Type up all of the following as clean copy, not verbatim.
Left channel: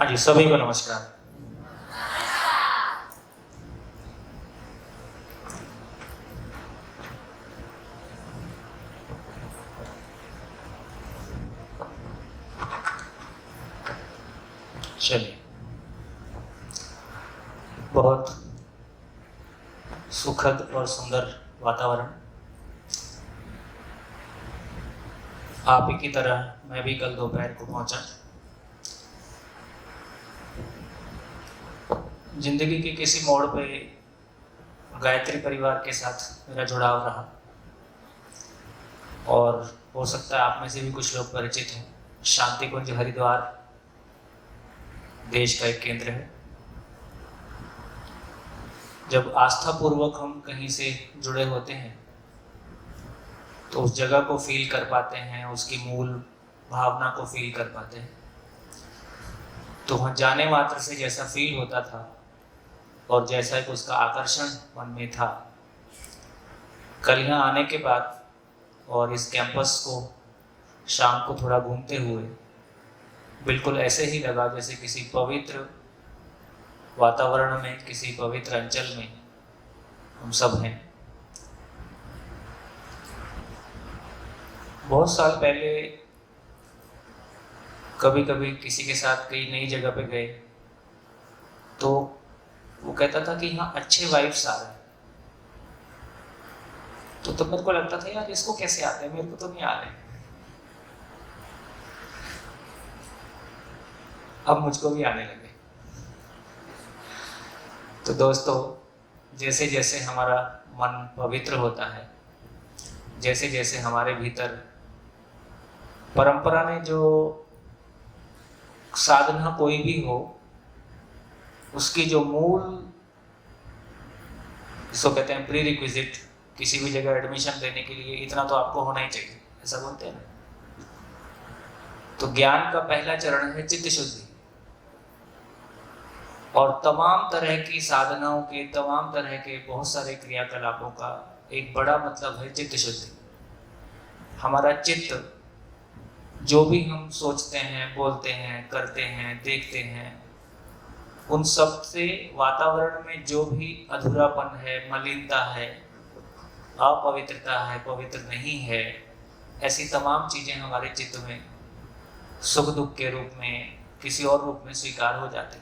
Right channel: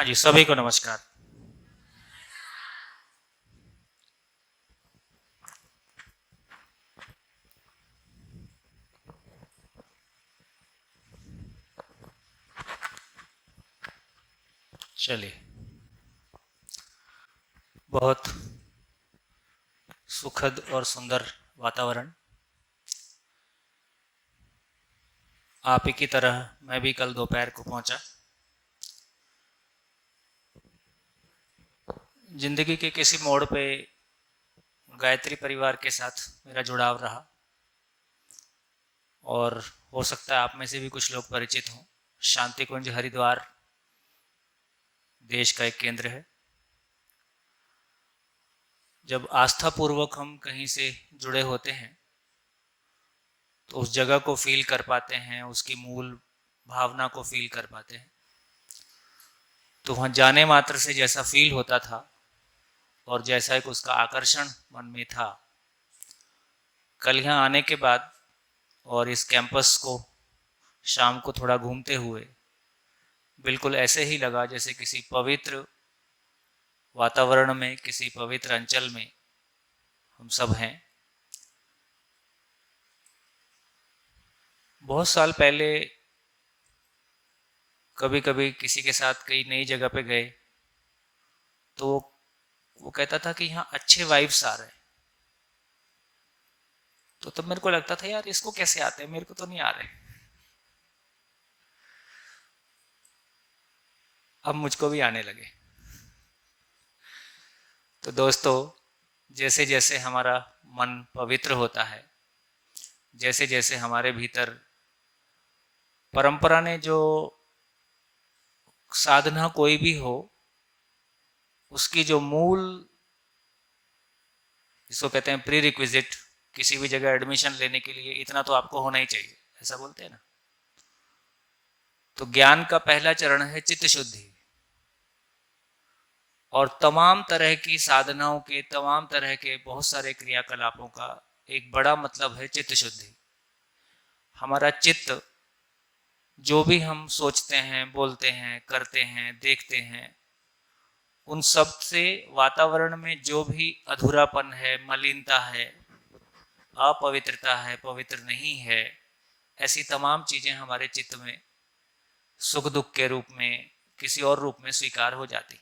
हाँ जी, सभी को नमस्कार। चलिए, बहुत सुखद और सुंदर वातावरण। आप ही की तरह मैं भी कल दोपहर को पहुंचा। जिंदगी के किसी मोड़ पे गायत्री परिवार के साथ मेरा जुड़ाव रहा, और हो सकता है आप में से भी कुछ लोग परिचित हैं। शांति कुंज हरिद्वार देश का एक केंद्र है। जब आस्था पूर्वक हम कहीं से जुड़े होते हैं तो उस जगह को फील कर पाते हैं, उसकी मूल भावना को फील कर पाते हैं। तो वहाँ जाने मात्र से जैसा फील होता था और जैसा कि उसका आकर्षण मन में था, कल यहाँ आने के बाद और इस कैंपस को शाम को थोड़ा घूमते हुए बिल्कुल ऐसे ही लगा जैसे किसी पवित्र वातावरण में, किसी पवित्र अंचल में हम सब हैं। बहुत साल पहले कभी कभी किसी के साथ कई नई जगह पे गए तो वो कहता था कि यहाँ अच्छे वाइब्स आ रहे हैं। तो मेरे को लगता था यार इसको कैसे आते हैं, मेरे को तो नहीं आ रहे। अब मुझको भी आने लगे। तो दोस्तों, जैसे जैसे हमारा मन पवित्र होता है, जैसे जैसे हमारे भीतर परंपरा ने जो साधना कोई भी हो, उसकी जो मूल, जिसको कहते हैं प्री रिक्विजिट, किसी भी जगह एडमिशन लेने के लिए इतना तो आपको होना ही चाहिए, ऐसा बोलते हैं ना। तो ज्ञान का पहला चरण है चित्त शुद्धि, और तमाम तरह की साधनाओं के, तमाम तरह के बहुत सारे क्रियाकलापों का एक बड़ा मतलब है चित्त शुद्धि। हमारा चित्त, जो भी हम सोचते हैं, बोलते हैं, करते हैं, देखते हैं, उन सब से वातावरण में जो भी अधूरापन है, मलिनता है, अपवित्रता है, पवित्र नहीं है, ऐसी तमाम चीजें हमारे चित्त में सुख दुख के रूप में, किसी और रूप में स्वीकार हो जाती।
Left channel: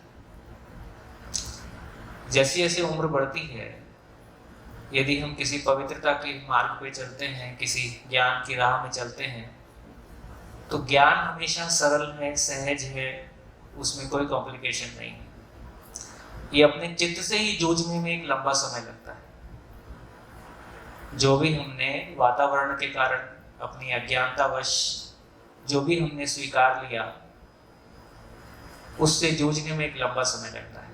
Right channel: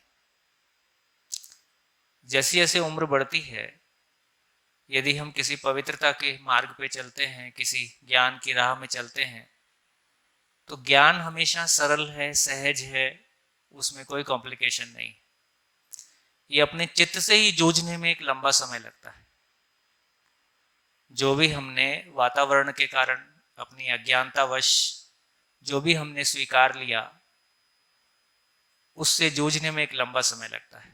जैसे जैसे उम्र बढ़ती है, यदि हम किसी पवित्रता के मार्ग पे चलते हैं, किसी ज्ञान की राह में चलते हैं, तो ज्ञान हमेशा सरल है, सहज है, उसमें कोई कॉम्प्लिकेशन नहीं। ये अपने चित्त से ही जूझने में एक लंबा समय लगता है। जो भी हमने वातावरण के कारण, अपनी अज्ञानतावश जो भी हमने स्वीकार लिया, उससे जूझने में एक लंबा समय लगता है।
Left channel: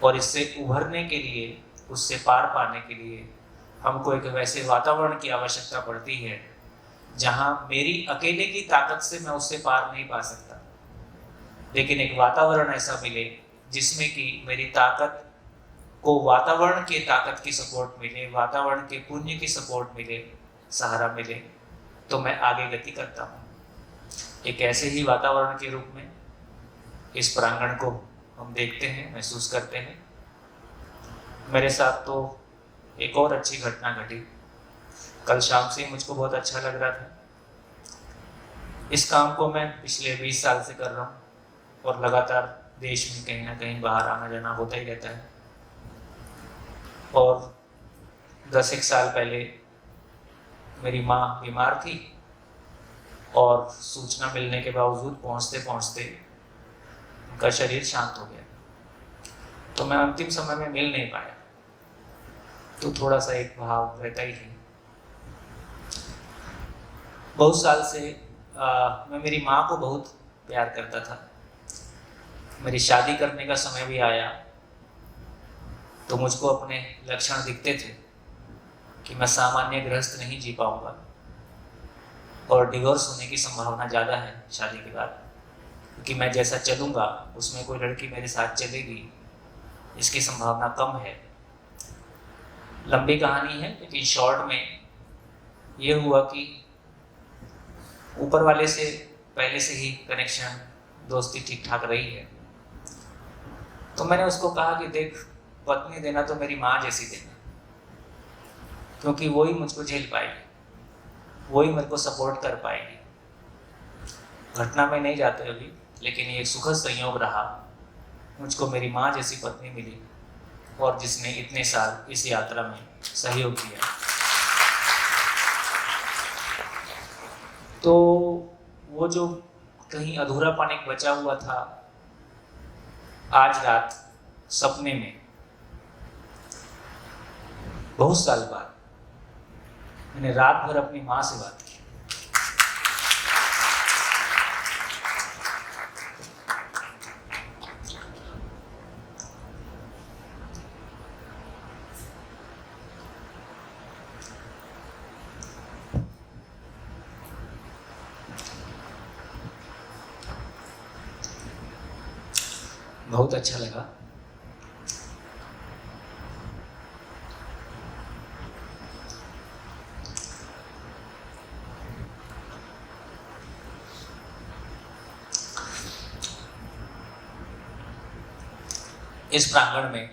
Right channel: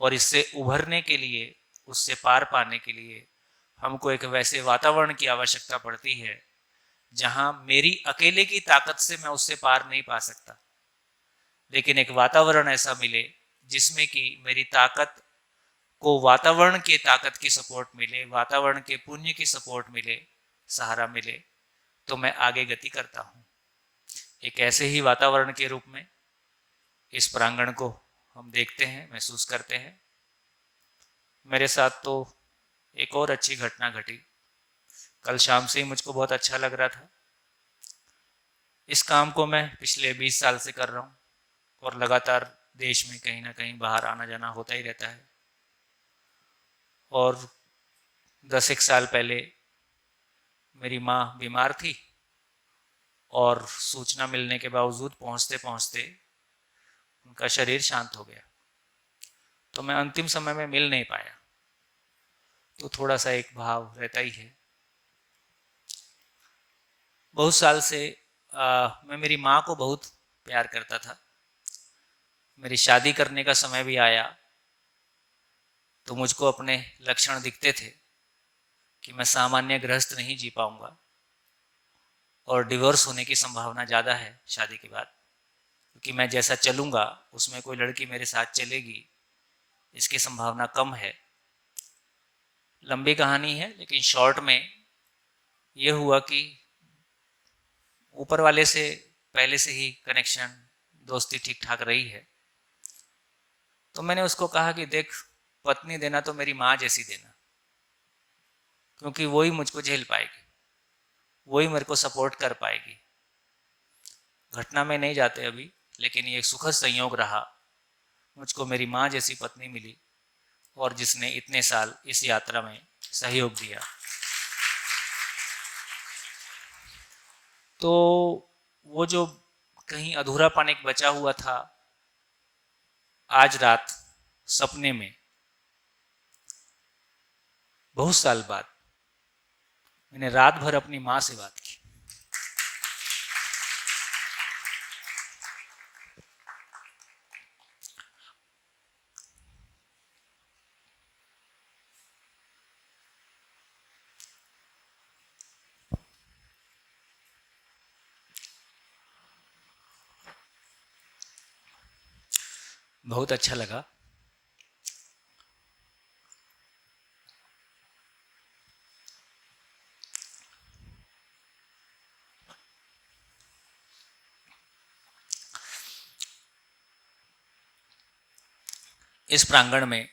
और इससे उभरने के लिए, उससे पार पाने के लिए हमको एक वैसे वातावरण की आवश्यकता पड़ती है जहां मेरी अकेले की ताकत से मैं उससे पार नहीं पा सकता, लेकिन एक वातावरण ऐसा मिले जिसमें कि मेरी ताकत को वातावरण के ताकत की सपोर्ट मिले, वातावरण के पुण्य की सपोर्ट मिले, सहारा मिले, तो मैं आगे गति करता हूँ। एक ऐसे ही वातावरण के रूप में इस प्रांगण को हम देखते हैं, महसूस करते हैं। मेरे साथ तो एक और अच्छी घटना घटी। कल शाम से ही मुझको बहुत अच्छा लग रहा था। इस काम को मैं पिछले 20 साल से कर रहा हूँ और लगातार देश में कहीं ना कहीं बाहर आना जाना होता ही रहता है। और 10 साल पहले मेरी माँ बीमार थी, और सूचना मिलने के बावजूद पहुँचते पहुँचते उनका शरीर शांत हो गया। तो मैं अंतिम समय में मिल नहीं पाया, तो थोड़ा सा एक भाव रहता ही है। बहुत साल से मैं मेरी माँ को बहुत प्यार करता था। मेरी शादी करने का समय भी आया तो मुझको अपने लक्षण दिखते थे कि मैं सामान्य गृहस्थ नहीं जी पाऊंगा, और डिवोर्स होने की संभावना ज़्यादा है शादी के बाद, कि मैं जैसा चलूँगा उसमें कोई लड़की मेरे साथ चलेगी, इसकी संभावना कम है। लंबी कहानी है, लेकिन शॉर्ट में ये हुआ कि ऊपर वाले से पहले से ही कनेक्शन दोस्ती ठीक ठाक रही है। तो मैंने उसको कहा कि देख, पत्नी देना तो मेरी माँ जैसी देना, क्योंकि वही मुझको झेल पाएगी, वही मेरे को सपोर्ट कर पाएगी। घटना में नहीं जाते अभी, लेकिन ये सुखद संयोग रहा, मुझको मेरी माँ जैसी पत्नी मिली और जिसने इतने साल इस यात्रा में सहयोग दिया। तो वो जो कहीं अधूरापन एक बचा हुआ था, आज रात सपने में बहुत साल बाद मैंने रात भर अपनी माँ से बात की। बहुत अच्छा लगा। इस प्रांगण में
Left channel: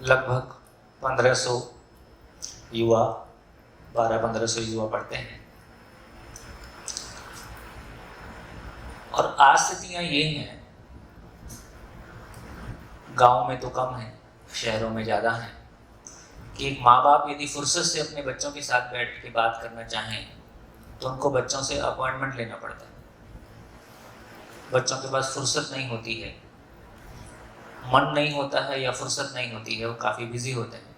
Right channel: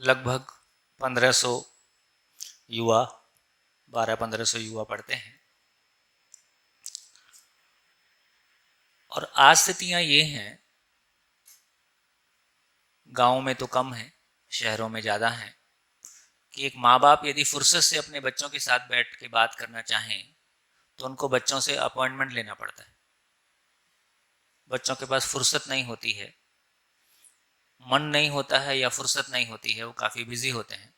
लगभग 1500 युवा, 1200-1500 युवा पढ़ते हैं। और आज स्थितियां ये हैं, गांव में तो कम है, शहरों में ज़्यादा है, कि एक माँ बाप यदि फुर्सत से अपने बच्चों के साथ बैठ के बात करना चाहें तो उनको बच्चों से अपॉइंटमेंट लेना पड़ता है। बच्चों के पास फुर्सत नहीं होती है, मन नहीं होता है या फुर्सत नहीं होती है, वो काफ़ी बिजी होते हैं।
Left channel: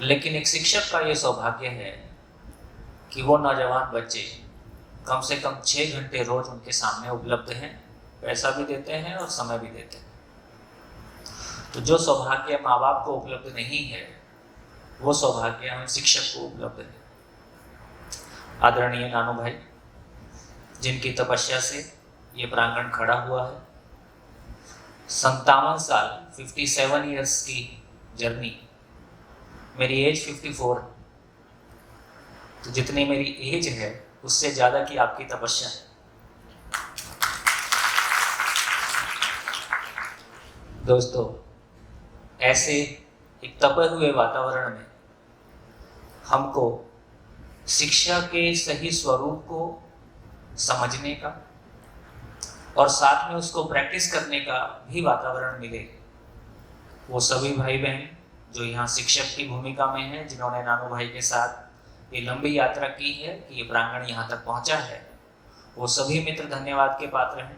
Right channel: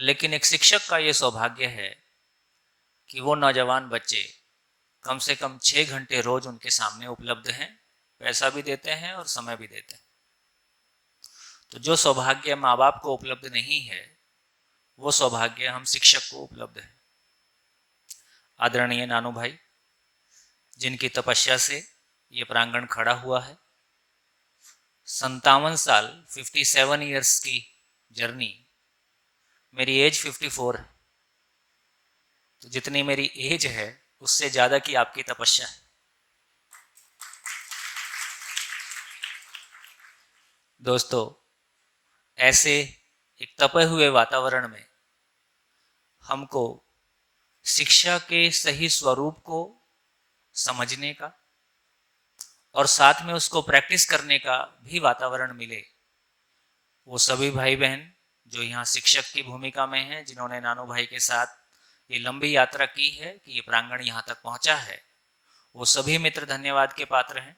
लेकिन एक शिक्षक का ये सौभाग्य है कि वो नौजवान बच्चे कम से कम 6 घंटे रोज उनके सामने उपलब्ध हैं, पैसा भी देते हैं और समय भी देते हैं। तो जो सौभाग्य माँ बाप को उपलब्ध नहीं है, वो सौभाग्य हम शिक्षक को उपलब्ध है। आदरणीय नानू भाई, जिनकी तपस्या से ये प्रांगण खड़ा हुआ है, 57 साल 57 ईयर्स की जर्नी, मेरी एज 54 है। तो जितनी मेरी एज है उससे ज़्यादा की आपकी तपस्या है। दोस्तों, ऐसे एक तपे हुए वातावरण में हमको शिक्षा के सही स्वरूप को समझने का और साथ में उसको प्रैक्टिस करने का भी वातावरण मिले। वो सभी भाई बहन जो यहाँ शिक्षक की भूमिका में हैं, जिन्होंने नानू भाई के साथ ये लंबी यात्रा की है, ये प्रांगण यहाँ तक पहुँचा है, वो सभी मित्र धन्यवाद के पात्र हैं।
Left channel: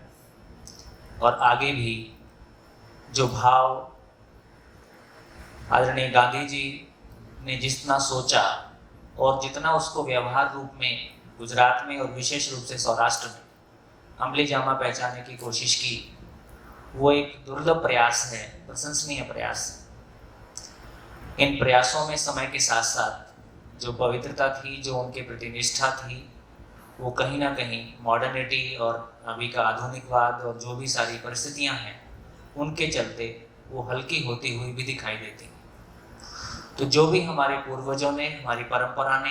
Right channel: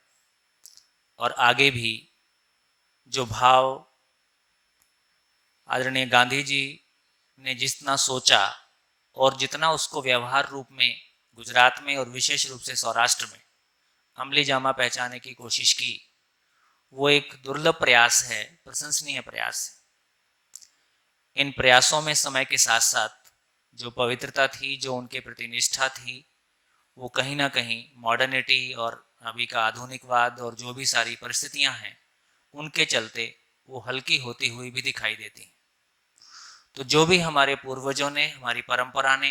और आगे भी जो भाव आदरणीय गांधी जी ने जितना सोचा और जितना उसको व्यवहार रूप में गुजरात में और विशेष रूप से सौराष्ट्र में अमली जामा पहचाने की कोशिश की, वो एक दुर्लभ प्रयास है, प्रशंसनीय प्रयास है। इन प्रयासों में समय के साथ साथ जो पवित्रता थी, जो उनके प्रति निष्ठा थी, वो कहीं ना कहीं मॉडर्निटी और अभी का आधुनिकवाद और जो भी सारी परिस्थितियां हैं उनके चलते वो हल्की होती हुई भी दिखाई देती। तो जो भी हमारे पूर्वजों ने, हमारी परंपरा ने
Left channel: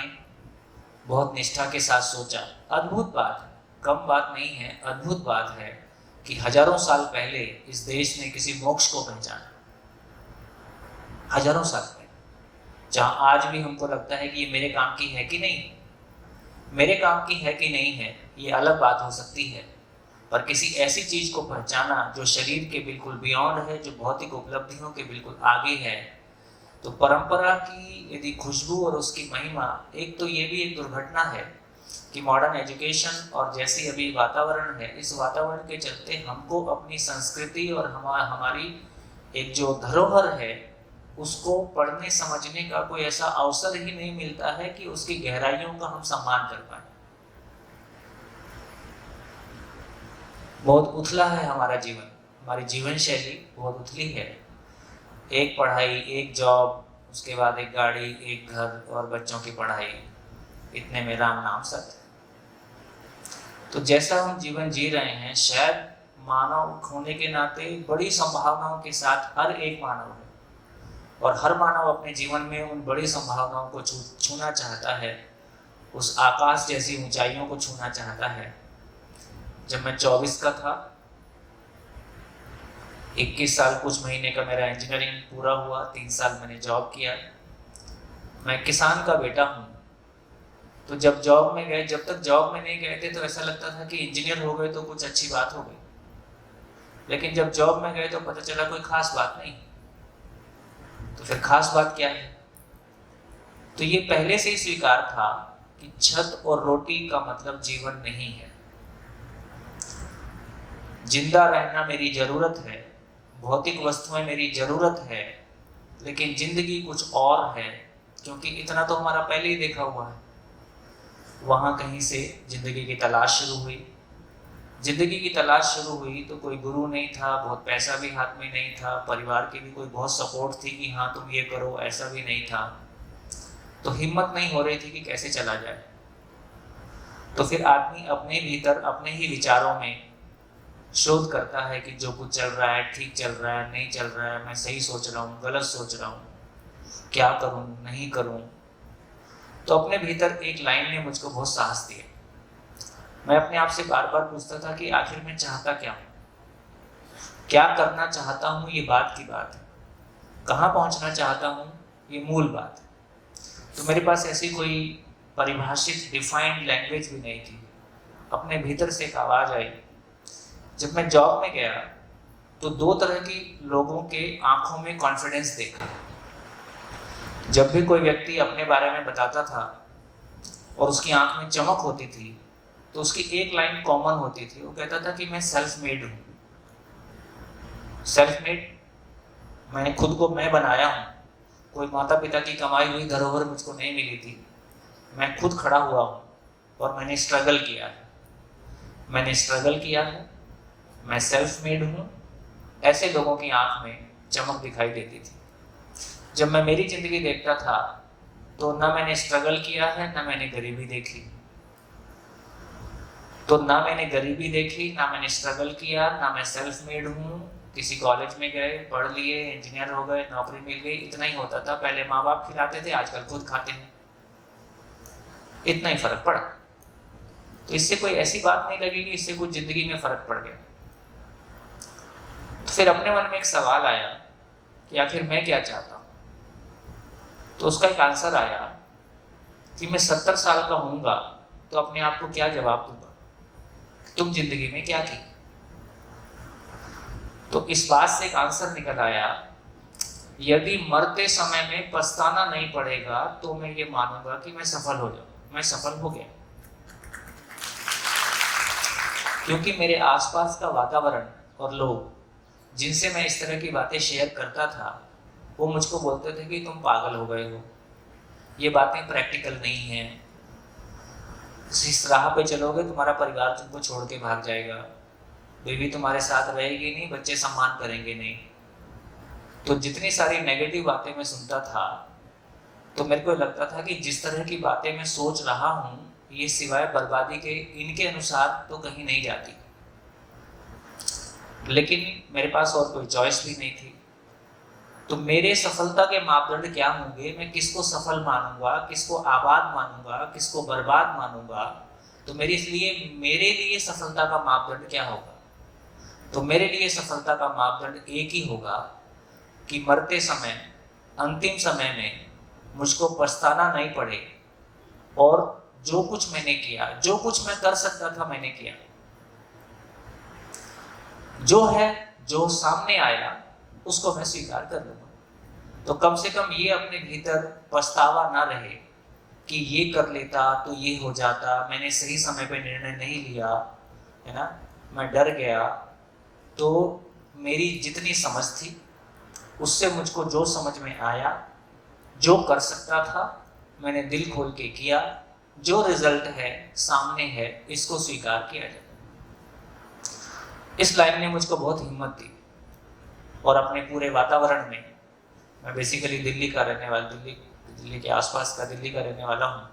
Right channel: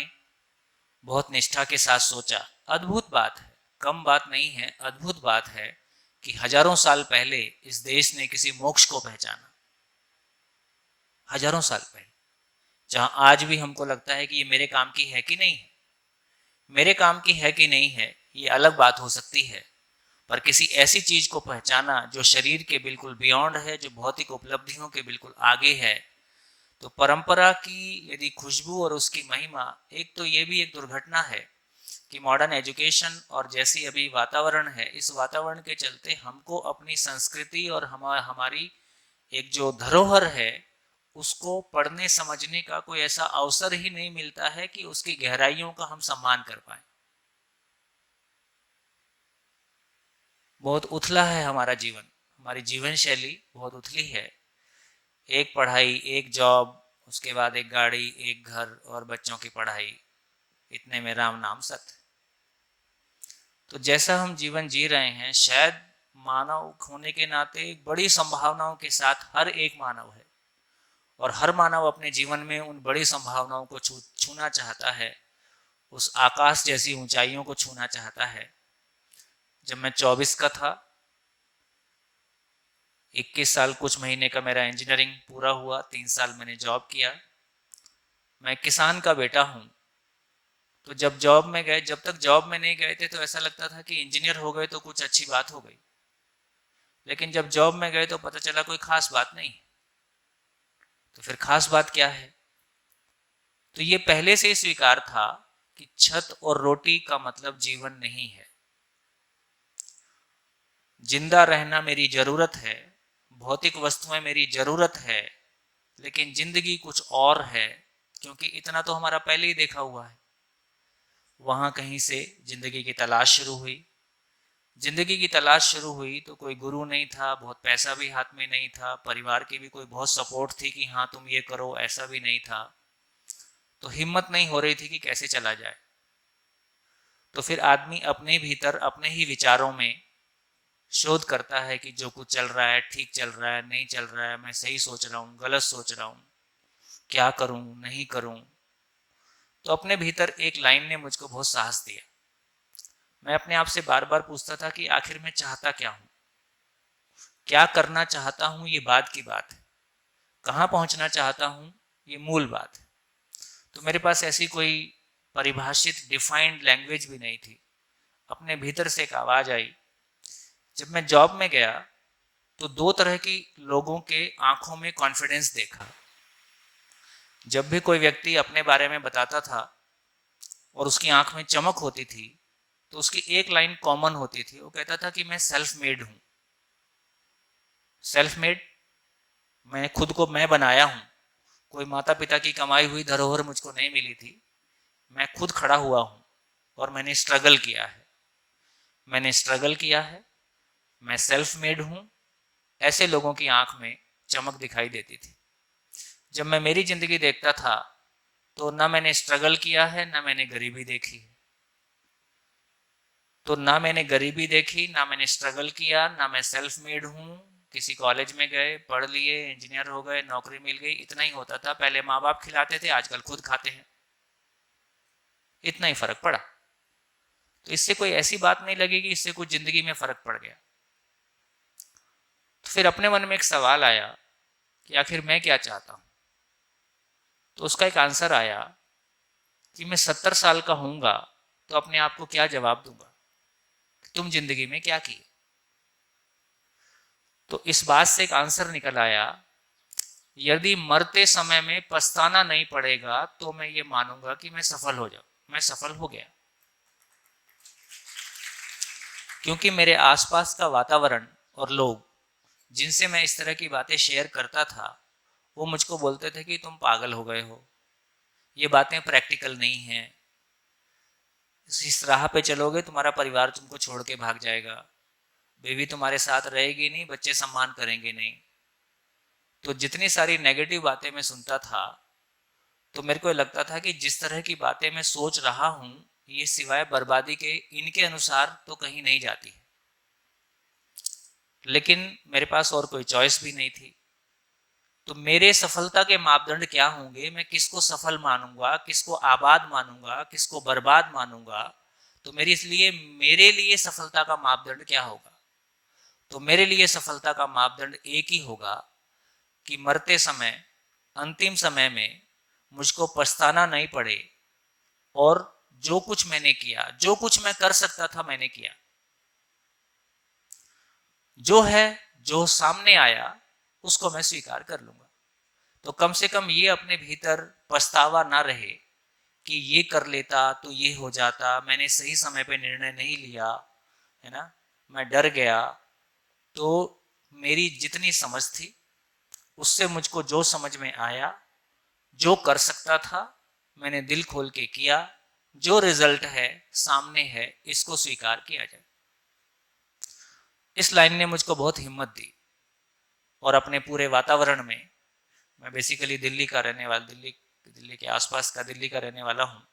बहुत निष्ठा के साथ सोचा, अद्भुत बात है, कम बात नहीं है, अद्भुत बात है कि हजारों साल पहले इस देश ने किसी मोक्ष को पहचाना। हजारों साल पहले, जहां आज भी हमको लगता है कि ये मेरे काम की है कि नहीं, मेरे काम की है कि नहीं है, ये अलग बात हो सकती है, पर किसी ऐसी चीज को पहचाना जो शरीर के बिल्कुल बियॉन्ड है, जो भौतिक उपलब्धियों के बिल्कुल आगे है। तो परंपरा की यदि खुशबू और उसकी महिमा, एक तो ये भी एक दुर्घटना है कि मॉडर्न एजुकेशन और जैसी अभी वातावरण है, इस वातावरण के चलते हमको अपनी संस्कृति और हमारी एक जो धरोहर है उसको पढ़ने समझने का कोई ऐसा अवसर ही नहीं मिलता है कि उसकी गहराइयों का हम सम्मान कर पाए। बहुत उथला है हमारा जीवन, हमारी जीवन शैली बहुत उथली है। एक पढ़ाई, एक जॉब, उसके बाद एक गाड़ी, एक घर और बच्चों की पढ़ाई, इतने में राम नाम सत्य। तो जैसा हम जीवन जी रहे हैं, शायद मानव होने के नाते बड़ी संभावनाओं के साथ हर एक मानव है और हर मानव अपने जीवन में उन बड़ी संभावनाओं को छूना चाहता है, उस आकाश जैसी ऊंचाइयों को छूना चाहता है। जब मैं 24 का था, 21 साल कुछ महीने का मेरा इंजीनियरिंग पूरा हुआ, 3 साल मैंने जॉब किया। मैं किसान का बेटा हूँ। तो जब जॉब में गए, जब तक जॉब में नहीं गए थे तो ऐसा लगता था कि इंजीनियर हो गए तो कुछ अच्छी बात हो गई, लेकिन जब जॉब में गए तो पता चला कोई खास बात नहीं। तो फिर खास बात क्या है? तो ये पहले से ही स्वीकार था कि छत और रोटी का मतलब जीवन नहीं है। जिंदा रहना मेरी जरूरत है, भौतिक वस्तुएं मेरी जरूरत है, लेकिन जिंदगी कुछ और है, क्योंकि इतना तो हमारा पहले ही देखा हुआ है। वहां कहीं से जिंदगी की तलाश शुरू हुई। जिंदगी की तलाश शुरू हुई तो कोई गुरु नहीं था, बहुत पैसा भी हाथ में नहीं था, परिवार की भी कोई बहुत सपोर्ट थी कि हाँ तुम ये करो, ऐसा भी नहीं था। तो हिम्मत नहीं हो रही थी कि कैसे चला जाए। तो फिर आदमी अपने भीतर अपने ही विचारों में शोध करता है कि जो कुछ चल रहा है ठीक चल रहा है, नहीं चल रहा है, मैं सही सोच रहा हूँ, गलत सोच रहा हूँ, क्या करूँ नहीं करूँ। तो अपने भीतर एक लाइन ने मुझको बहुत साहस दिया। मैं अपने आप से बार बार पूछता था कि आखिर मैं चाहता क्या हूँ, क्या करना चाहता हूँ, ये बात की बात है, कहाँ पहुँचना चाहता हूँ, ये मूल बात है। तो मेरे पास ऐसी कोई परिभाषित डिफाइंड लैंग्वेज भी नहीं थी। अपने भीतर से एक आवाज़ आई। जब मैं जॉब में गया तो दो तरह की लोगों के आंखों में कॉन्फिडेंस देखा। जब भी कोई व्यक्ति अपने बारे में बताता था और उसकी आंख में चमक होती थी, तो उसकी एक लाइन कॉमन होती थी। वो कहता था कि मैं सेल्फ मेड हूँ। सेल्फ मेड, मैं खुद को मैं बनाया हूँ। कोई माता पिता की कमाई हुई धरोहर मुझको नहीं मिली थी। मैं खुद खड़ा हुआ हूँ और मैंने स्ट्रगल किया है। मैंने स्ट्रगल किया है, मैं सेल्फ मेड हूँ। ऐसे लोगों की आंख में चमक दिखाई देती थी। जब मैं मेरी जिंदगी देखता था तो ना मैंने स्ट्रगल किया है, ना मैंने गरीबी देखी। तो ना मैंने गरीबी देखी, ना मैंने स्ट्रगल किया, ना मैं सेल्फ मेड हूँ। किसी कॉलेज में गए, पढ़ लिए, इंजीनियर हो गए, नौकरी मिल गई, इतना ही होता था। पहले माँ बाप खिलाते थे, आजकल खुद खाते हैं। इतना ही फर्क पड़ा। तो इससे कोई ऐसी बात नहीं लगेगी, इससे कुछ जिंदगी में फर्क पड़ गया। फिर अपने मन में एक सवाल आया कि आखिर मैं क्या चाहता हूँ। तो उसका एक आंसर आया कि मैं 70 साल का होऊंगा तो अपने आप को क्या जवाब दूंगा, तुम जिंदगी में क्या किया। तो इस बात से एक आंसर निकल आया, यदि मरते समय में पछताना नहीं पड़ेगा तो मैं ये मानूंगा कि मैं सफल हो जाऊं, मैं सफल हो गया। क्योंकि मेरे आसपास का वातावरण और लोग जिनसे मैं इस तरह की बातें शेयर करता था, वो मुझको बोलते थे कि तुम पागल हो गए हो, ये बातें प्रैक्टिकल नहीं हैं, इस राह पे चलोगे तुम्हारा परिवार तुमको छोड़ के भाग जाएगा, बीवी तुम्हारे साथ रहेगी नहीं, बच्चे सम्मान करेंगे नहीं। तो जितनी सारी नेगेटिव बातें मैं सुनता था तो मेरे को लगता था कि जिस तरह की बातें मैं सोच रहा हूँ, ये सिवाय बर्बादी के इनके अनुसार तो कहीं नहीं जाती। लेकिन मेरे पास और कोई चॉइस भी नहीं थी। तो मेरे सफलता के मापदंड क्या होंगे, मैं किसको सफल मानूंगा, किसको आबाद मानूंगा, किसको बर्बाद मानूंगा। तो मेरे लिए सफलता का मापदंड क्या होगा। तो मेरे लिए सफलता का मापदंड एक ही होगा कि मरते समय, अंतिम समय में मुझको पछताना नहीं पड़े और जो कुछ मैंने किया, जो कुछ मैं कर सकता था मैंने किया। जो है, जो सामने आया उसको मैं स्वीकार कर लूंगा। तो कम से कम ये अपने भीतर पछतावा ना रहे कि ये कर लेता तो ये हो जाता, मैंने सही समय पे निर्णय नहीं लिया, है ना, मैं डर गया। तो मेरी जितनी समझ थी उससे मुझको जो समझ में आया, जो कर सकता था, मैंने दिल खोल के किया। जो रिजल्ट है सामने है, इसको स्वीकार किया जाए। इस लाइन ने मुझको बहुत हिम्मत दी। और अपने पूरे वातावरण में, मैं बेसिकली दिल्ली का रहने वाला, दिल्ली के आसपास का दिल्ली का रहने वाला हूँ,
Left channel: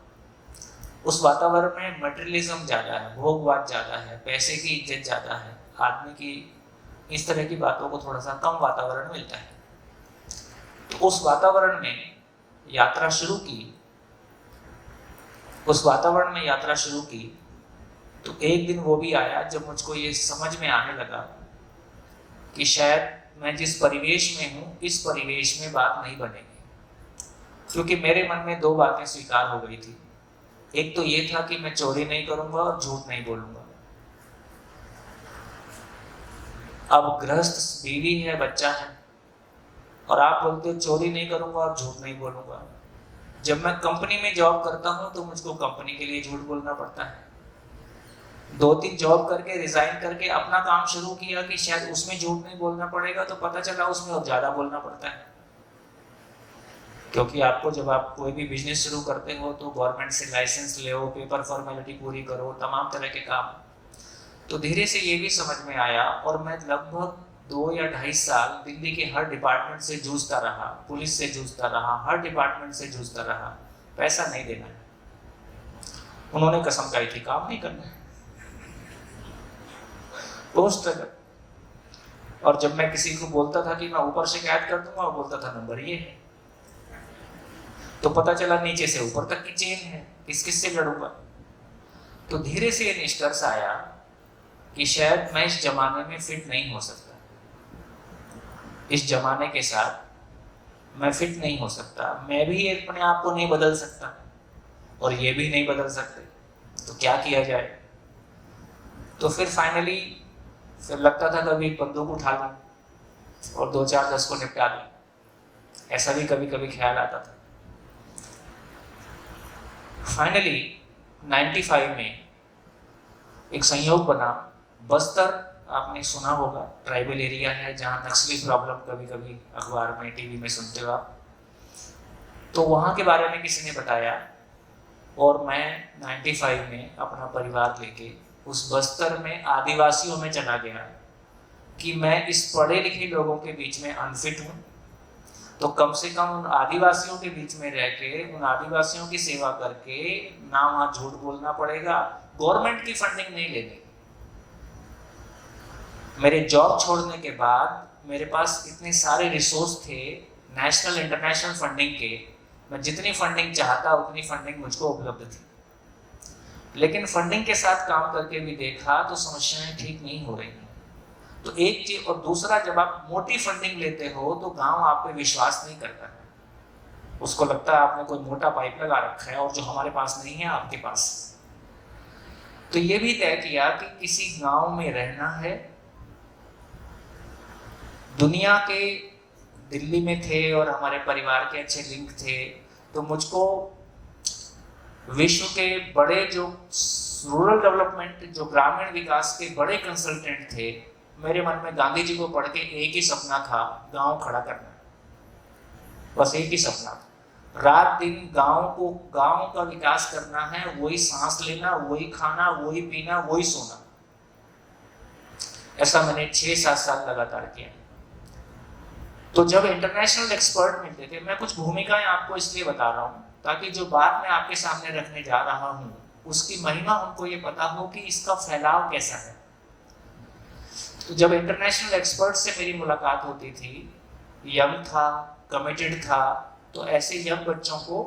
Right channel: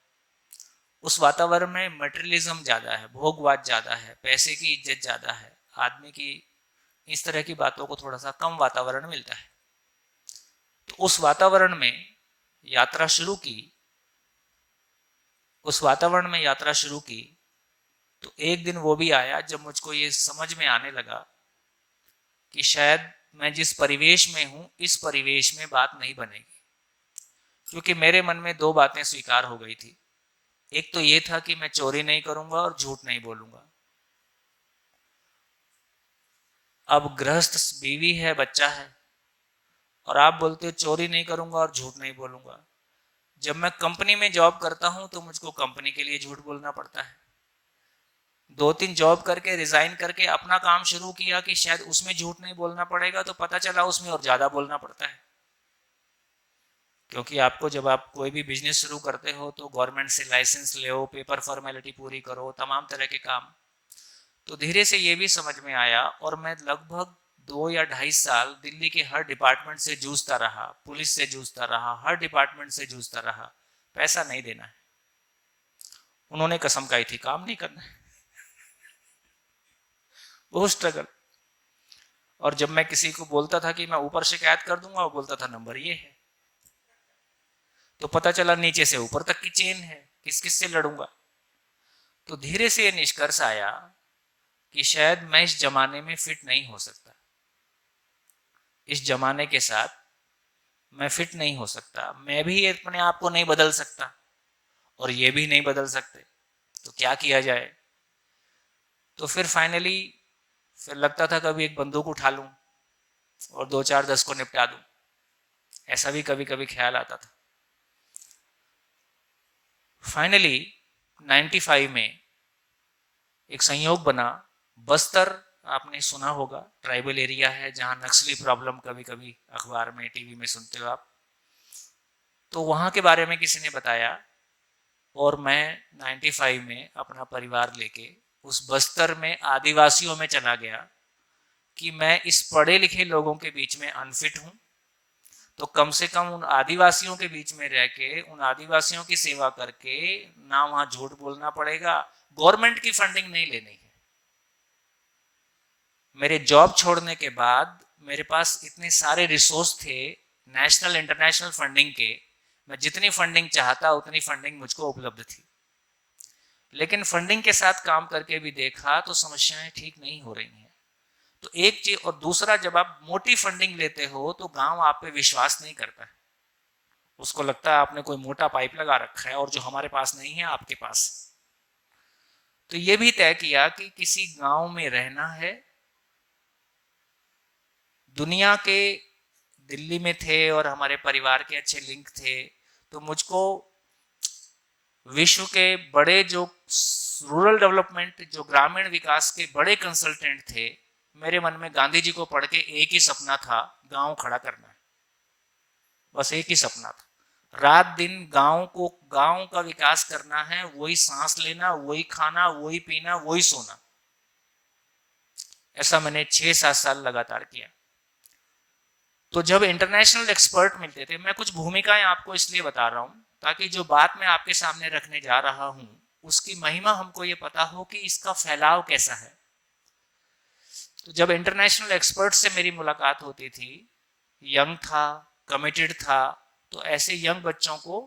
उस वातावरण में मटेरियलिज्म ज़्यादा है, भोगवाद ज़्यादा है, पैसे की इज्जत ज़्यादा है, आदमी की इस तरह की बातों को थोड़ा सा कम वातावरण मिलता है। तो उस वातावरण में यात्रा शुरू की, तो एक दिन वो भी आया जब मुझको ये समझ में आने लगा कि शायद मैं जिस परिवेश में हूँ इस परिवेश में बात नहीं बनेगी, क्योंकि मेरे मन में दो बातें स्वीकार हो गई थी। एक तो ये था कि मैं चोरी नहीं करूंगा और झूठ नहीं बोलूंगा। अब गृहस्थ बीवी है, बच्चा है, और आप बोलते हो चोरी नहीं करूंगा और झूठ नहीं बोलूंगा। जब मैं कंपनी में जॉब करता हूं तो मुझको कंपनी के लिए झूठ बोलना पड़ता है। 2-3 जॉब करके रिजाइन करके अपना काम शुरू किया कि शायद उसमें झूठ नहीं बोलना पड़ेगा, तो पता चला उसमें और ज्यादा बोलना पड़ता है। क्योंकि आपको जब आप कोई भी बिजनेस शुरू करते हो तो गवर्नमेंट से लाइसेंस ले, पेपर फॉर्मेलिटी पूरी करो, तमाम तरह के काम। तो धीरे से ये भी समझ में आया, और मैं लगभग 2 या 2.5 साल दिल्ली के हर डिपार्टमेंट से जूझता रहा, पुलिस से जूझता रहा, हर डिपार्टमेंट से जूझता रहा, पैसा नहीं देना है। उन्होंने कसम खाई थी काम नहीं करना है, बहुत स्ट्रगल। और जब मैं किसी को बोलता था कि मैं ऊपर शिकायत कर दूंगा, वो बोलता था नंबर ये है। तो पता चला नीचे से ऊपर तक की चेन है, किस किस से लड़ूंगा। तो धीरे से निष्कर्ष आया कि शायद मैं इस जमाने में फिट नहीं हो सकता, इस जमाने के साथ मैं फिट नहीं हो सकता, मैं भी अपने आप को नहीं बदल सकता और ये भी नहीं बदल सकते, तो क्या किया जाए। तो फिर फाइनली फिर लगता था कभी एक बंदूक उठा लूं और 2-4-10 को निपटा दूं, ऐसा भी कभी कभी ख्याल आता था। फाइनली 95 में एक संयोग बना। बस्तर आपने सुना होगा, ट्राइबल एरिया है जहाँ नक्सली प्रॉब्लम कभी कभी अखबार में टीवी में सुनते हो आप। तो वहाँ के बारे में किसी ने बताया, और मैं 95 में अपना परिवार लेके उस बस्तर में आदिवासियों में चला गया कि मैं इस पढ़े लिखे लोगों के बीच में अनफिट हूँ, तो कम से कम उन आदिवासियों के बीच में रह के उन आदिवासियों की सेवा करके ना वहाँ झूठ बोलना पड़ेगा, गवर्नमेंट की फंडिंग नहीं लेनी। मेरे जॉब छोड़ने के बाद मेरे पास इतने सारे रिसोर्स थे नेशनल इंटरनेशनल फंडिंग के, मैं जितनी फंडिंग चाहता उतनी फंडिंग मुझको उपलब्ध थी। लेकिन फंडिंग के साथ काम करके भी देखा तो समस्याएं ठीक नहीं हो रही। तो एक चीज, और दूसरा, जब आप मोटी फंडिंग लेते हो तो गांव आप पे विश्वास नहीं करता, उसको लगता है आपने कोई मोटा पाइप लगा रखा है और जो हमारे पास नहीं है आपके पास। तो ये भी तय किया कि किसी गांव में रहना है। दुनिया के दिल्ली में थे और हमारे परिवार के अच्छे लिंक थे, तो मुझको विश्व के बड़े जो रूरल डेवलपमेंट, जो ग्रामीण विकास के बड़े कंसल्टेंट थे, मेरे मन में गांधी जी को पढ़ के एक ही सपना था, गांव खड़ा करना। बस एक ही सपना था, रात दिन गांव का विकास करना है, वही सांस लेना, वही खाना, वही पीना, वही सोना। ऐसा मैंने 6-7 साल लगातार किया। तो जब इंटरनेशनल एक्सपर्ट मिलते थे, मैं कुछ भूमिकाएं आपको इसलिए बता रहा हूं ताकि जो बात मैं आपके सामने रखने जा रहा हूं उसकी महिमा हमको ये पता हो कि इसका फैलाव कैसा है। तो जब इंटरनेशनल एक्सपर्ट से मेरी मुलाकात होती थी, यंग था, कमिटेड था, तो ऐसे यंग बच्चों को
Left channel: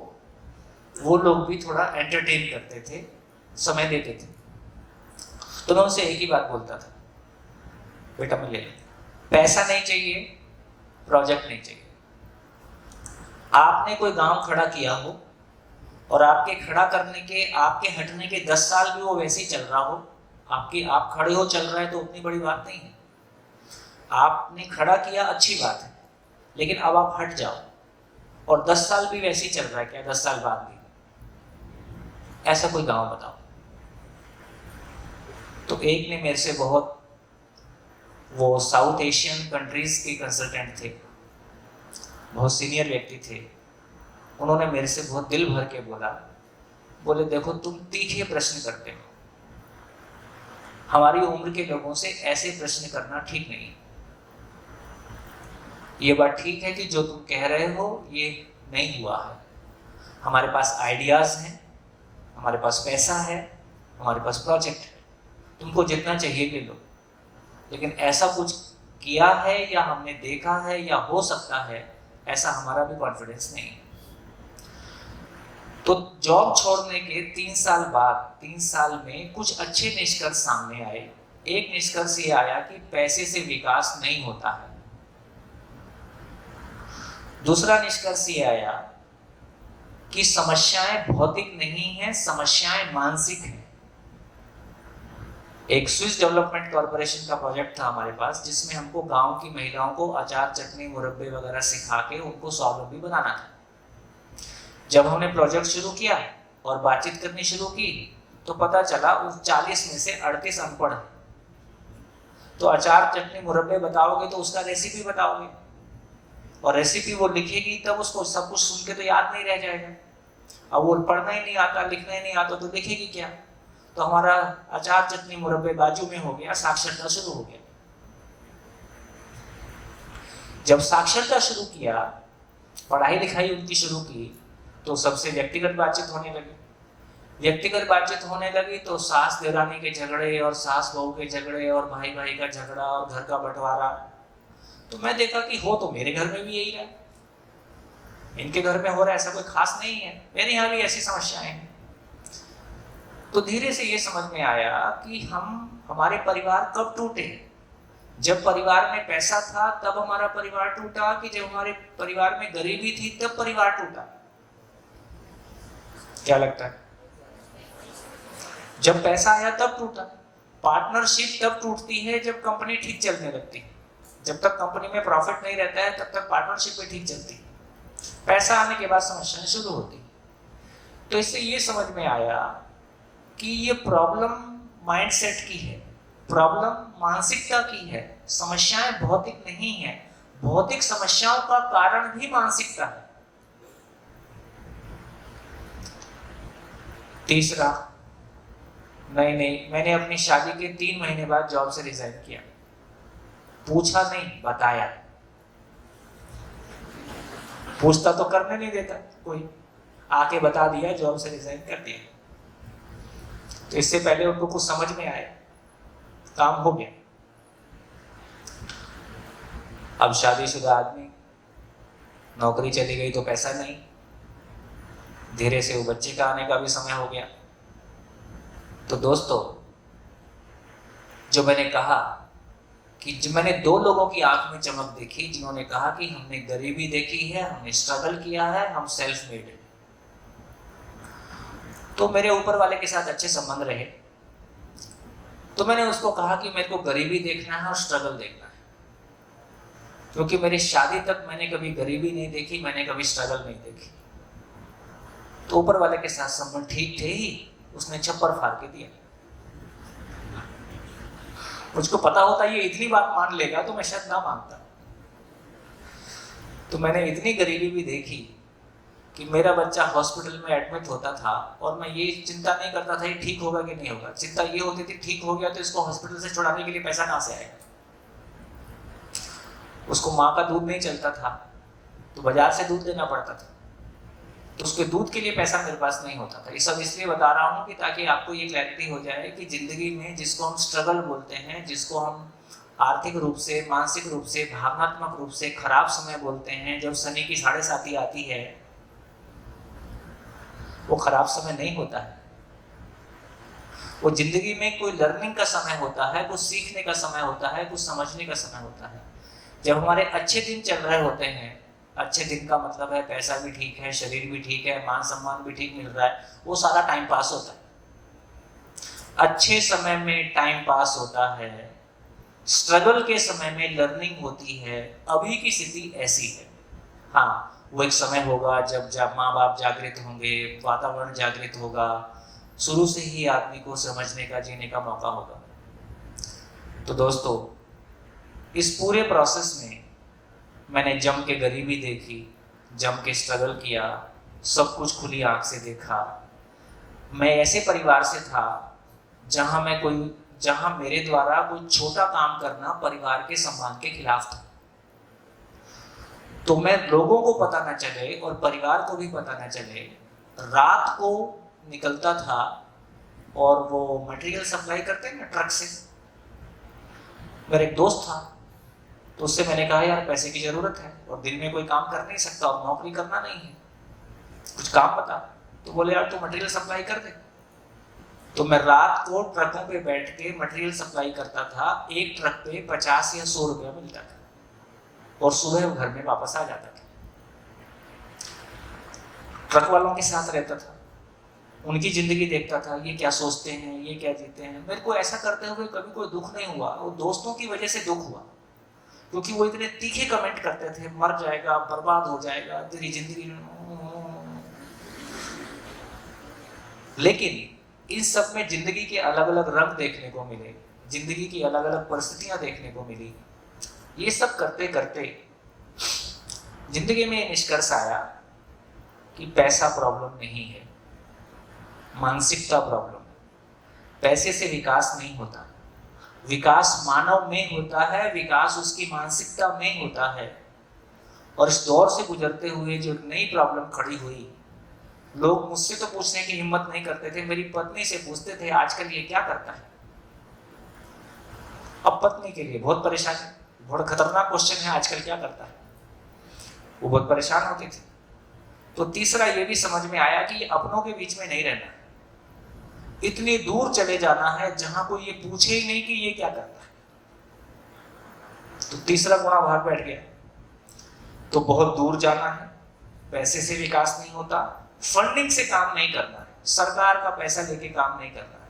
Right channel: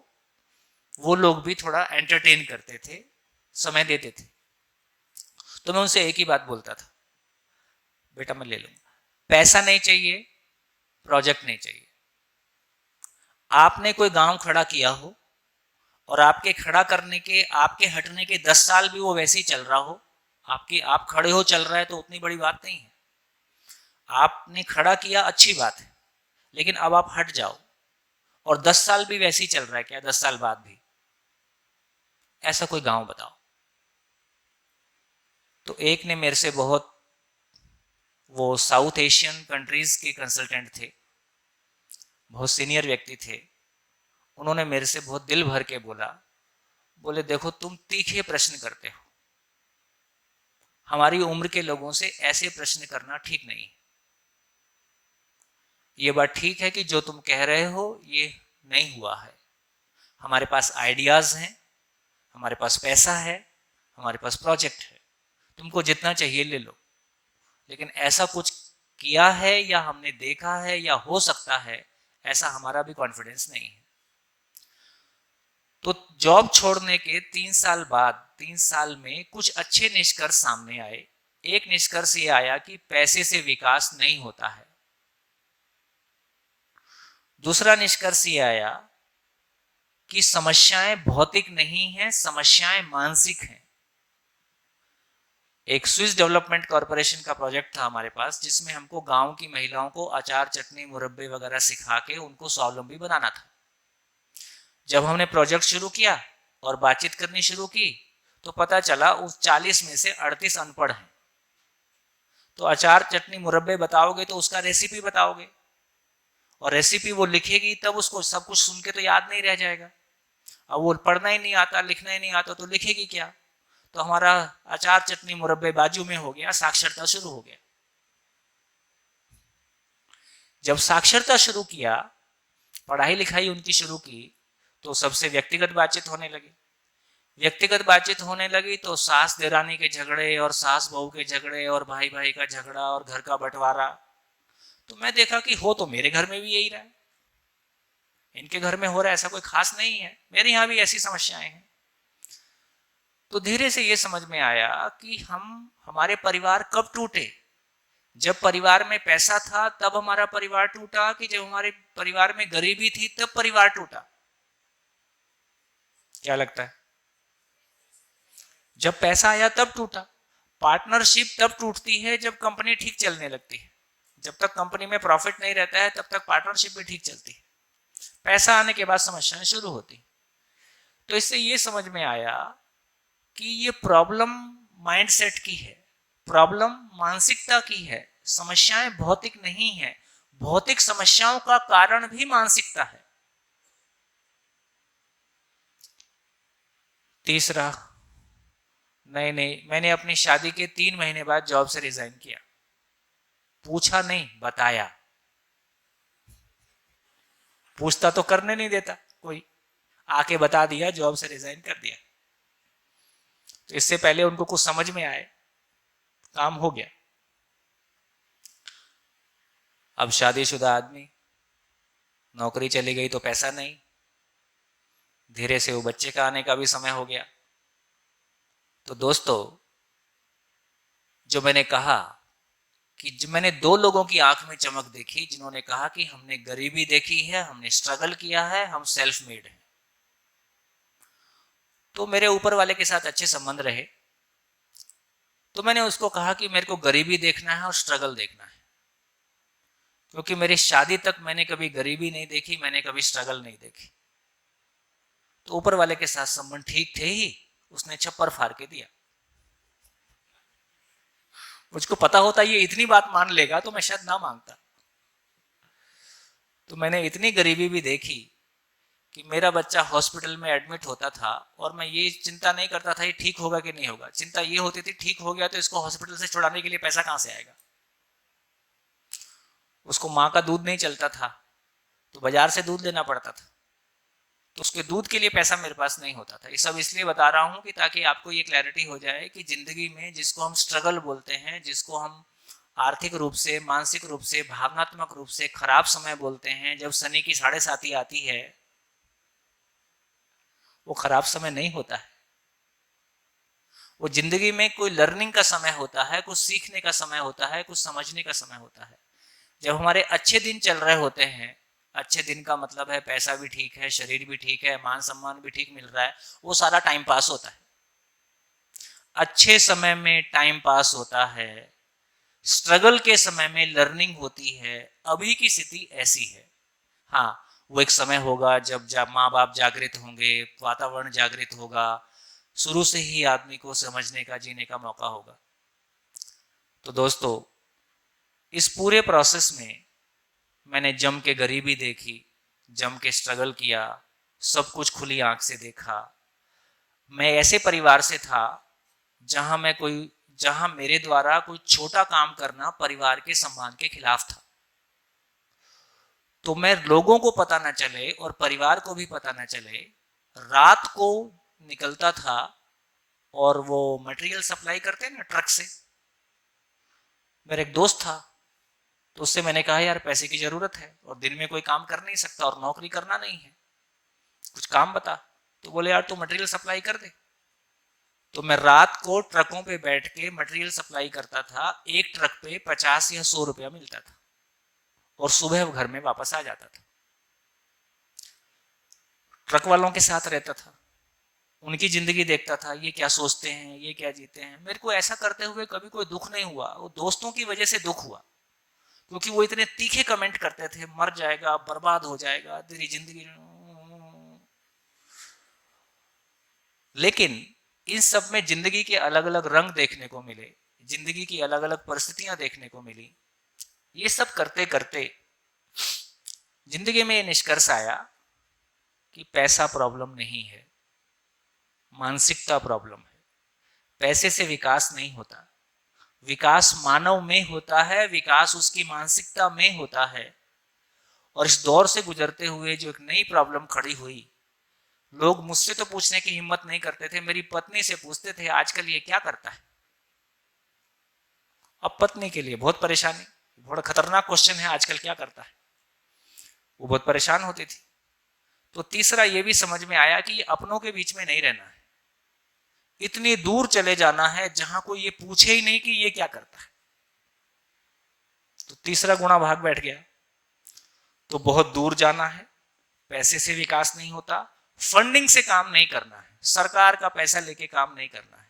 वो लोग भी थोड़ा एंटरटेन करते थे, समय देते थे। तो मैं उनसे एक ही बात बोलता था, बेटा मैं ले लो, पैसा नहीं चाहिए, प्रोजेक्ट नहीं चाहिए। आपने कोई गांव खड़ा किया हो और आपके खड़ा करने के, आपके हटने के 10 साल भी वो वैसे ही चल रहा हो, आप खड़े हो चल रहा है तो उतनी बड़ी बात नहीं है। आपने खड़ा किया, अच्छी बात है, लेकिन अब आप हट जाओ और 10 साल भी वैसे ही चल रहा है क्या, 10 साल बाद भी? ऐसा कोई गांव बताओ। तो एक ने मेरे से बहुत, वो साउथ एशियन कंट्रीज के कंसल्टेंट थे, बहुत सीनियर व्यक्ति थे, उन्होंने मेरे से बहुत दिल भर के बोले देखो तुम तीखे प्रश्न करते हो, हमारी उम्र के लोगों से ऐसे प्रश्न करना ठीक नहीं। ये बात ठीक है कि जो तुम कह रहे हो ये नहीं हुआ है, हमारे पास आइडियाज हैं, हमारे पास पैसा है, हमारे पास प्रोजेक्ट है, तुमको जितना चाहिए ले लो, लेकिन ऐसा कुछ किया है या हमने देखा है या हो सकता है, ऐसा हमारा भी कॉन्फिडेंस नहीं है। तो जॉब छोड़ने के 3 साल बाद, 3 साल में कुछ अच्छे निष्कर्ष सामने आए। एक निष्कर्ष ये आया कि पैसे से विकास नहीं होता है। दूसरा निष्कर्ष ये आया कि समस्याएं भौतिक नहीं हैं, समस्याएं मानसिक हैं। एक स्विस डेवलपमेंट कॉर्पोरेशन का प्रोजेक्ट था हमारे पास, जिसमें हमको गांव की महिलाओं को अचार, चटनी, मुरब्बे वगैरह सिखा के उनको स्वावलंबी बनाना था। जब हमने प्रोजेक्ट शुरू किया और बातचीत करनी शुरू की तो पता चला उस 40 में से 38 अनपढ़ है। तो अचार, चटनी, मुरब्बे बताओगे तो उसका रेसिपी बताओगे, और रेसिपी वो लिखेगी तब उसको सब कुछ सुन के तो याद नहीं रह जाएगा। अब वो पढ़ना ही नहीं आता, लिखना ही नहीं आता तो लिखेगी क्या? तो हमारा अचार, चटनी, मुरब्बे बाजू में हो गया, साक्षरता शुरू हो गया। जब साक्षरता शुरू किया, पढ़ाई लिखाई उनकी शुरू की, तो सबसे व्यक्तिगत बातचीत होने लगी। व्यक्तिगत बातचीत होने लगी तो सास देरानी के झगड़े और सास बहू के झगड़े और भाई भाई का झगड़ा और घर का बंटवारा। तो मैं देखा कि हो तो मेरे घर में भी यही रहा है, इनके घर में हो रहा है, ऐसा कोई खास नहीं है, मेरे यहाँ भी ऐसी समस्याएं हैं। तो धीरे से ये समझ में आया कि हमारे परिवार कब टूटे। जब परिवार में पैसा था तब हमारा परिवार टूटा, कि जब हमारे परिवार में गरीबी थी तब परिवार टूटा? क्या लगता है? जब पैसा आया तब टूटा। पार्टनरशिप तब टूटती है जब कंपनी ठीक चलने लगती है। जब तक कंपनी में प्रॉफिट नहीं रहता है तब तक पार्टनरशिप भी ठीक चलती है। पैसा आने के बाद समस्याएं शुरू होती। तो इससे ये समझ में आया कि ये प्रॉब्लम माइंडसेट की है, प्रॉब्लम मानसिकता की है। समस्याएं भौतिक नहीं है, भौतिक समस्याओं का कारण भी मानसिकता है। तीसरा, नहीं, मैंने अपनी शादी के 3 महीने बाद जॉब से रिजाइन किया। पूछा नहीं, बताया। पूछता तो करने नहीं देता कोई, आके बता दिया, जॉब से रिजाइन कर दिया। तो इससे पहले उनको कुछ समझ में आए, काम हो गया। अब शादीशुदा आदमी, नौकरी चली गई तो पैसा नहीं, धीरे से वो बच्चे का आने का भी समय हो गया। तो दोस्तों, जो मैंने कहा कि जो मैंने 2 लोगों की आंख में चमक देखी, जिन्होंने कहा कि हमने गरीबी देखी है, हमने स्ट्रगल किया है, हम सेल्फ मेड है। तो मेरे ऊपर वाले के साथ अच्छे संबंध रहे। तो मैंने उसको कहा कि मेरे को गरीबी देखना है और स्ट्रगल देखना है, क्योंकि मेरी शादी तक मैंने कभी गरीबी नहीं देखी, मैंने कभी स्ट्रगल नहीं देखी। तो ऊपर वाले के साथ संबंध ठीक थे ही, उसने छप्पर फाड़ के दिया। मुझको पता होता ये इतनी बात मान लेगा तो मैं शायद ना मानता। तो मैंने इतनी गरीबी भी देखी कि मेरा बच्चा हॉस्पिटल में एडमिट होता था और मैं ये चिंता नहीं करता था ये ठीक होगा कि नहीं होगा। चिंता ये होती थी ठीक हो गया तो इसको हॉस्पिटल से छुड़ाने के लिए पैसा कहाँ से आएगा। उसको माँ का दूध नहीं चलता था तो बाजार से दूध लेना पड़ता था, तो उसके दूध के लिए पैसा मेरे पास नहीं होता था। ये सब इसलिए बता रहा हूँ कि ताकि आपको ये क्लैरिटी हो जाए कि जिंदगी में जिसको हम स्ट्रगल बोलते हैं, जिसको हम आर्थिक रूप से, मानसिक रूप से, भावनात्मक रूप से खराब समय बोलते हैं, जब शनि की 7.5 आती है, वो खराब समय नहीं होता है। वो जिंदगी में कोई लर्निंग का समय होता है, कुछ सीखने का समय होता है, कुछ समझने का समय होता है। जब हमारे अच्छे दिन चल रहे होते हैं, अच्छे दिन का मतलब है पैसा भी ठीक है, शरीर भी ठीक है, मान सम्मान भी ठीक मिल रहा है, वो सारा टाइम पास होता है। अच्छे समय में टाइम पास होता है, स्ट्रगल के समय में लर्निंग होती है। अभी की स्थिति ऐसी है। हाँ, वो एक समय होगा जब माँ बाप जागृत होंगे, वातावरण जागृत होगा, शुरू से ही आदमी को समझने का, जीने का मौका होगा। तो दोस्तों, इस पूरे प्रोसेस में मैंने जम के गरीबी देखी, जम के स्ट्रगल किया, सब कुछ खुली आंख से देखा। मैं ऐसे परिवार से था जहां मेरे द्वारा कोई छोटा काम करना परिवार के सम्मान के खिलाफ था। तो मैं लोगों को पता न चले और परिवार को भी पता न चले, रात को निकलता था और वो मटेरियल सप्लाई करते हैं ना ट्रक से। मेरा एक दोस्त था, तो उससे मैंने कहा यार पैसे की जरूरत है और दिन में कोई काम कर नहीं सकता और नौकरी करना नहीं है, कुछ काम बता। तो बोले यार तू मटेरियल सप्लाई कर दे। तो मैं रात को ट्रकों पे बैठ के मटेरियल सप्लाई करता था। एक ट्रक पे 50 या 100 रुपया मिलता था और सुबह घर में वापस आ जाता था। ट्रक वालों के साथ रहता था, उनकी जिंदगी देखता था, ये क्या सोचते हैं, ये क्या जीते हैं। मेरे को ऐसा करते हुए कभी कोई दुख नहीं हुआ, वो दोस्तों की वजह से दुख हुआ, क्योंकि वो इतने तीखे कमेंट करते थे, मर जाएगा, बर्बाद हो जाएगा तेरी जिंदगी। लेकिन इन सब में जिंदगी के अलग अलग रंग देखने को मिले, जिंदगी की अलग अलग परिस्थितियां देखने को मिली। ये सब करते करते जिंदगी में निष्कर्ष आया कि पैसा प्रॉब्लम नहीं है, मानसिकता प्रॉब्लम है। पैसे से विकास नहीं होता, विकास मानव में होता है, विकास उसकी मानसिकता में होता है। और इस दौर से गुजरते हुए जो एक नई प्रॉब्लम खड़ी हुई, लोग मुझसे तो पूछने की हिम्मत नहीं करते थे, मेरी पत्नी से पूछते थे आजकल ये क्या करता है। अब पत्नी के लिए बहुत परेशान है, बहुत खतरनाक क्वेश्चन है, आजकल क्या करता है, वो बहुत परेशान होती थी। तो तीसरा ये भी समझ में आया कि ये अपनों के बीच में नहीं रहना, इतनी दूर चले जाना है जहां कोई ये पूछे ही नहीं कि ये क्या करता है। तो तीसरा गुणा बाहर बैठ गया। तो बहुत दूर जाना है, पैसे से विकास नहीं होता, फंडिंग से काम नहीं करना है, सरकार का पैसा लेके काम नहीं करना है,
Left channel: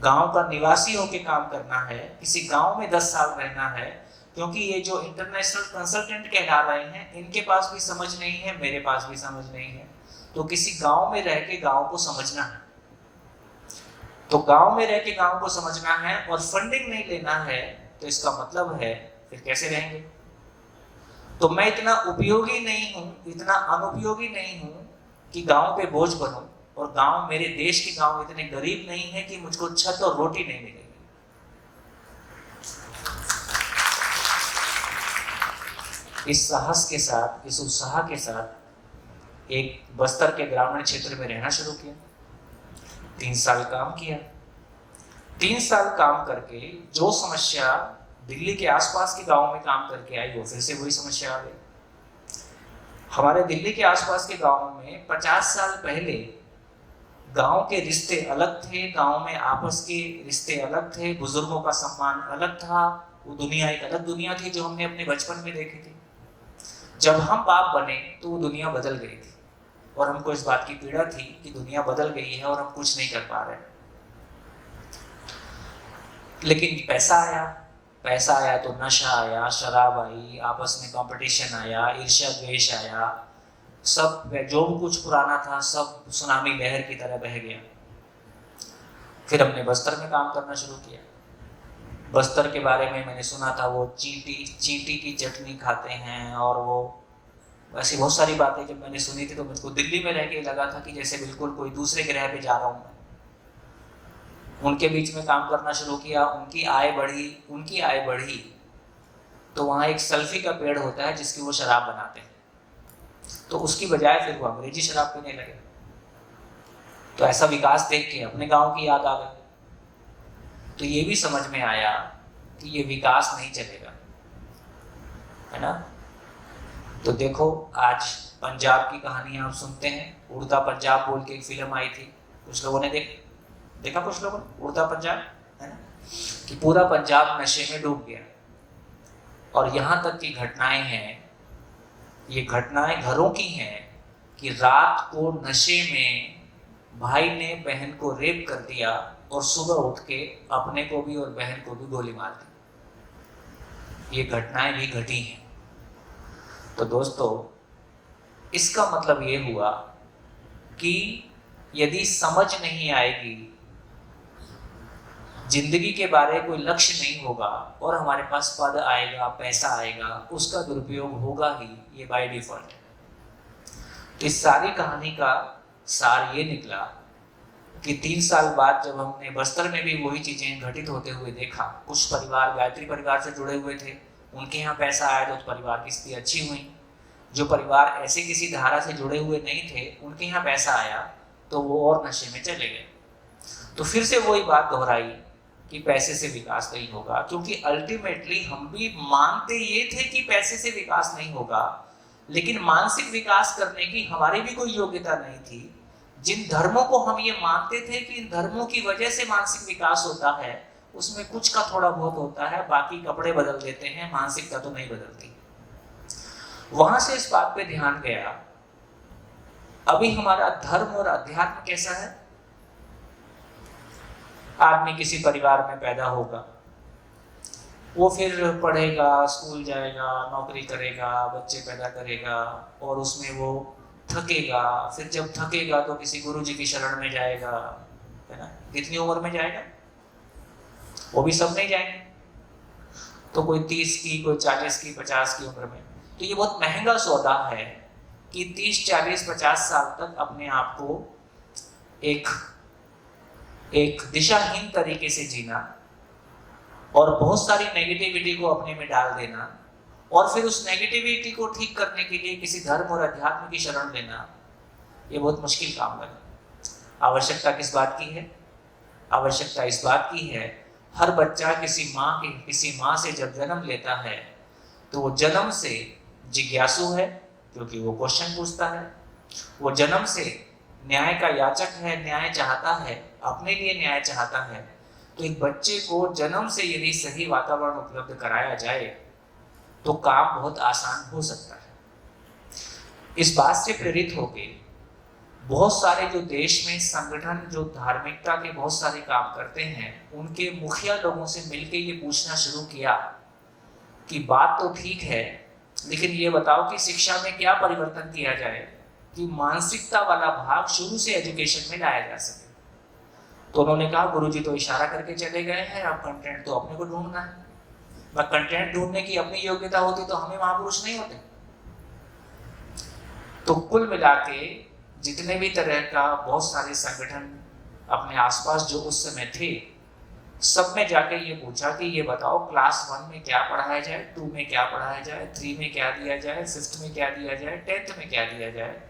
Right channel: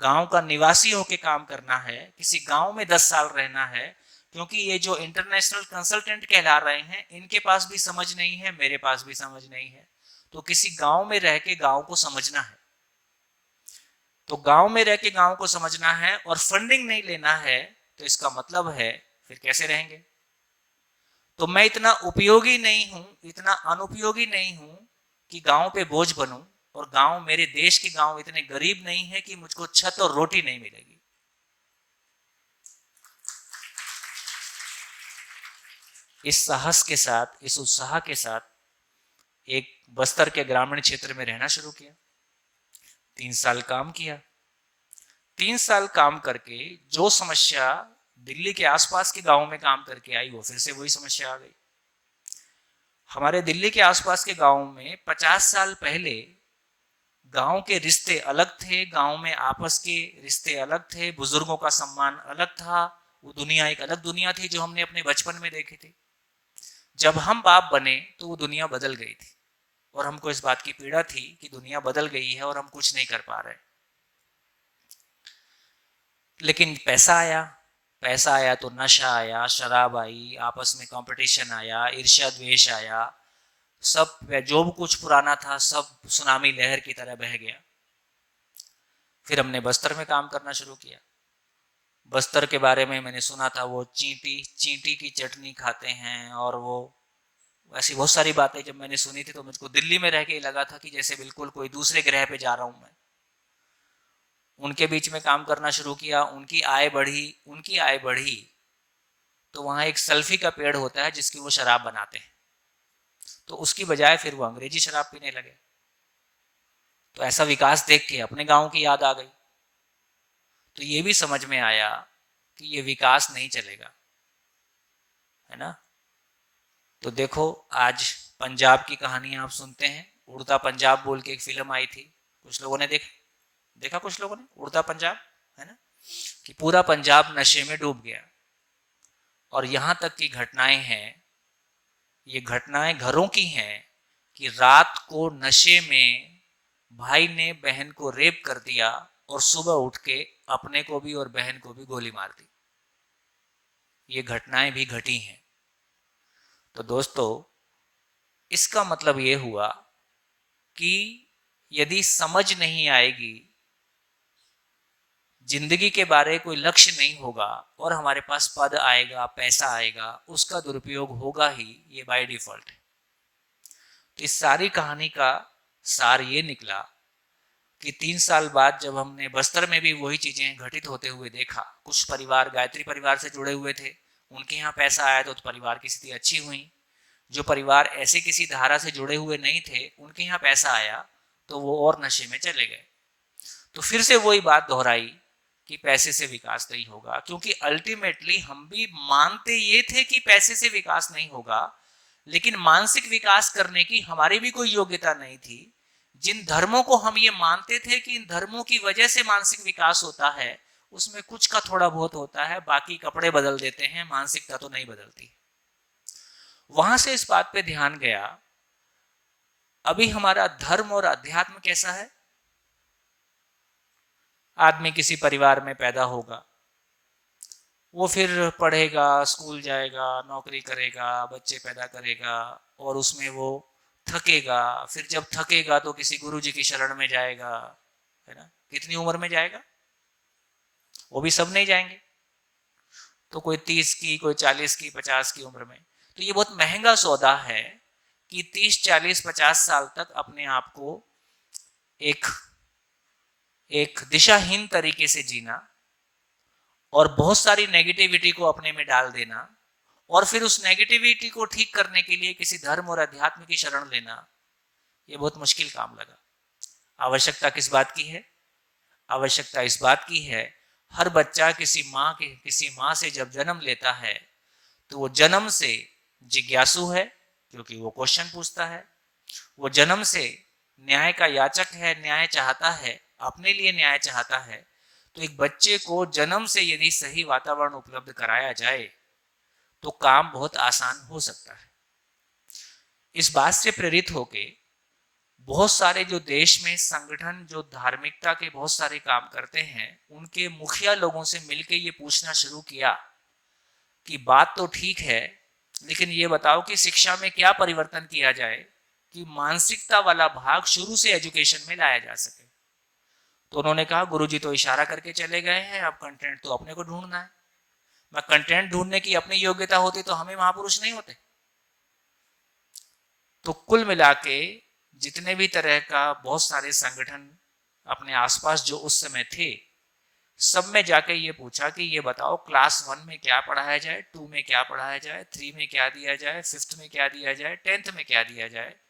गांव का निवासी होके काम करना है, किसी गांव में 10 साल रहना है। क्योंकि ये जो इंटरनेशनल कंसल्टेंट कहला रहे हैं, इनके पास भी समझ नहीं है, मेरे पास भी समझ नहीं है। तो किसी गांव में रह के गांव को समझना है, तो गांव में रह के गांव को समझना है और फंडिंग नहीं लेना है। तो इसका मतलब है फिर कैसे रहेंगे। तो मैं इतना उपयोगी नहीं हूं, इतना अनुपयोगी नहीं हूं कि गांव पे बोझ बनूं, और गांव, मेरे देश के गांव इतने गरीब नहीं है कि मुझको छत और रोटी नहीं मिलेगी। इस साहस के साथ, इस उत्साह के साथ एक बस्तर के ग्रामीण क्षेत्र में रहना शुरू किया। 3 साल काम किया। 3 साल काम करके जो समस्या दिल्ली के आसपास के गांव में काम करके आई, वो फिर से वही समस्या आ गई। हमारे दिल्ली के आसपास के गांव में 50 साल पहले गांव के रिश्ते अलग थे, गांव में आपस के रिश्ते अलग थे, बुजुर्गों का सम्मान अलग था। वो दुनिया एक अलग दुनिया थी जो हमने अपने बचपन में देखी थी। जब हम बाप बने तो वो दुनिया बदल गई थी, और हमको इस बात की पीड़ा थी कि दुनिया बदल गई है और हम कुछ नहीं कर पा रहे। लेकिन पैसा आया, पैसा आया तो नशा आया, शराब आई, आपस में कंपटीशन आया, ईर्ष्या द्वेष आया, सब जो कुछ पुराना था सब सुनामी लहर की तरह बह गया। फिर हमने बस्तर में काम करना शुरू किया। बस्तर के बारे में मैंने सुना था, वो चींटी की चटनी खाते हैं, और वो ऐसी बहुत सारी बातें जब मैंने सुनी थी तो मुझको दिल्ली में रह के लगा था कि जैसे बिल्कुल कोई दूसरे ग्रह पे जा रहा हूँ मैं। उनके बीच में काम करना शुरू किया, उनकी आय बढ़ी तो वहाँ एक सल्फी का पेड़ होता है जिसकी वो शराब बनाते हैं, तो उसकी बजाय फिर वो अंग्रेजी शराब पीने लगे। तो ऐसा विकास देख के अपने गांव की याद आ गई। तो ये भी समझ में आया कि ये विकास नहीं चलेगा, है ना। तो देखो आज पंजाब की कहानी आप सुनते हैं, उड़ता पंजाब बोल के एक फिल्म आई थी, कुछ लोगों ने देखा कुछ लोगों ने, उड़ता पंजाब, है ना, कि पूरा पंजाब नशे में डूब गया। और यहाँ तक की घटनाएं हैं, ये घटनाएं घरों की हैं कि रात को नशे में भाई ने बहन को रेप कर दिया और सुबह उठ के अपने को भी और बहन को भी गोली मार दी। ये घटनाएं भी घटी हैं। तो दोस्तों, इसका मतलब ये हुआ कि यदि समझ नहीं आएगी, जिंदगी के बारे कोई लक्ष्य नहीं होगा, और हमारे पास पद आएगा, पैसा आएगा, उसका दुरुपयोग होगा ही, ये बाय डिफॉल्ट है। इस सारी कहानी का सार ये निकला कि 3 साल बाद जब हमने बस्तर में भी वही चीजें घटित होते हुए देखा, कुछ परिवार गायत्री परिवार से जुड़े हुए थे, उनके यहाँ पैसा आया तो परिवार की स्थिति अच्छी हुई। जो परिवार ऐसे किसी धारा से जुड़े हुए नहीं थे, उनके यहाँ पैसा आया तो वो और नशे में चले गए। तो फिर से वही बात दोहराई कि पैसे से विकास नहीं होगा, क्योंकि अल्टीमेटली हम भी मानते ये थे कि पैसे से विकास नहीं होगा, लेकिन मानसिक विकास करने की हमारी भी कोई योग्यता नहीं थी। जिन धर्मों को हम ये मानते थे कि इन धर्मों की वजह से मानसिक विकास होता है, उसमें कुछ का थोड़ा बहुत होता है, बाकी कपड़े बदल देते हैं, मानसिकता तो नहीं बदलती। वहां से इस बात पे ध्यान गया, अभी हमारा धर्म और अध्यात्म कैसा है। आदमी किसी परिवार में पैदा होगा, वो फिर पढ़ेगा, स्कूल जाएगा, नौकरी करेगा, बच्चे पैदा करेगा, और उसमें वो थकेगा। फिर जब थकेगा तो किसी गुरु जी की शरण में जाएगा, है ना। कितनी उम्र में जाएगा, वो भी सब नहीं जाएंगे, तो कोई 30 की, कोई 40 की, 50 की उम्र में। तो ये बहुत महंगा सौदा है कि 30, 40, 50 साल तक अपने आप को एक दिशाहीन तरीके से जीना, और बहुत सारी नेगेटिविटी को अपने में डाल देना, और फिर उस नेगेटिविटी को ठीक करने के लिए किसी धर्म और अध्यात्म की शरण लेना, ये बहुत मुश्किल काम लगा। आवश्यकता किस बात की है? आवश्यकता इस बात की है, हर बच्चा किसी माँ से जब जन्म लेता है तो वो जन्म से जिज्ञासु है, क्योंकि वो क्वेश्चन पूछता है। वो जन्म से न्याय का याचक है, न्याय चाहता है, अपने लिए न्याय चाहता है। तो एक बच्चे को जन्म से यदि सही वातावरण उपलब्ध कराया जाए तो काम बहुत आसान हो सकता है। इस बात से प्रेरित होके बहुत सारे जो देश में संगठन जो धार्मिकता के बहुत सारे काम करते हैं, उनके मुखिया लोगों से मिलकर ये पूछना शुरू किया कि बात तो ठीक है, लेकिन ये बताओ कि शिक्षा में क्या परिवर्तन किया जाए कि मानसिकता वाला भाग शुरू से एजुकेशन में लाया जा सके। तो उन्होंने कहा, गुरुजी तो इशारा करके चले गए हैं, अब कंटेंट तो अपने को ढूंढना है। कंटेंट ढूंढने की अपनी योग्यता होती तो हम ही महापुरुष नहीं होते। तो कुल मिला के जितने भी तरह का बहुत सारे संगठन अपने आसपास जो उस समय थे, सब में जाके ये पूछा कि ये बताओ क्लास 1 में क्या पढ़ाया जाए, 2 में क्या पढ़ाया जाए, 3 में क्या दिया जाए, 5th में क्या दिया जाए, 10th में क्या दिया जाए,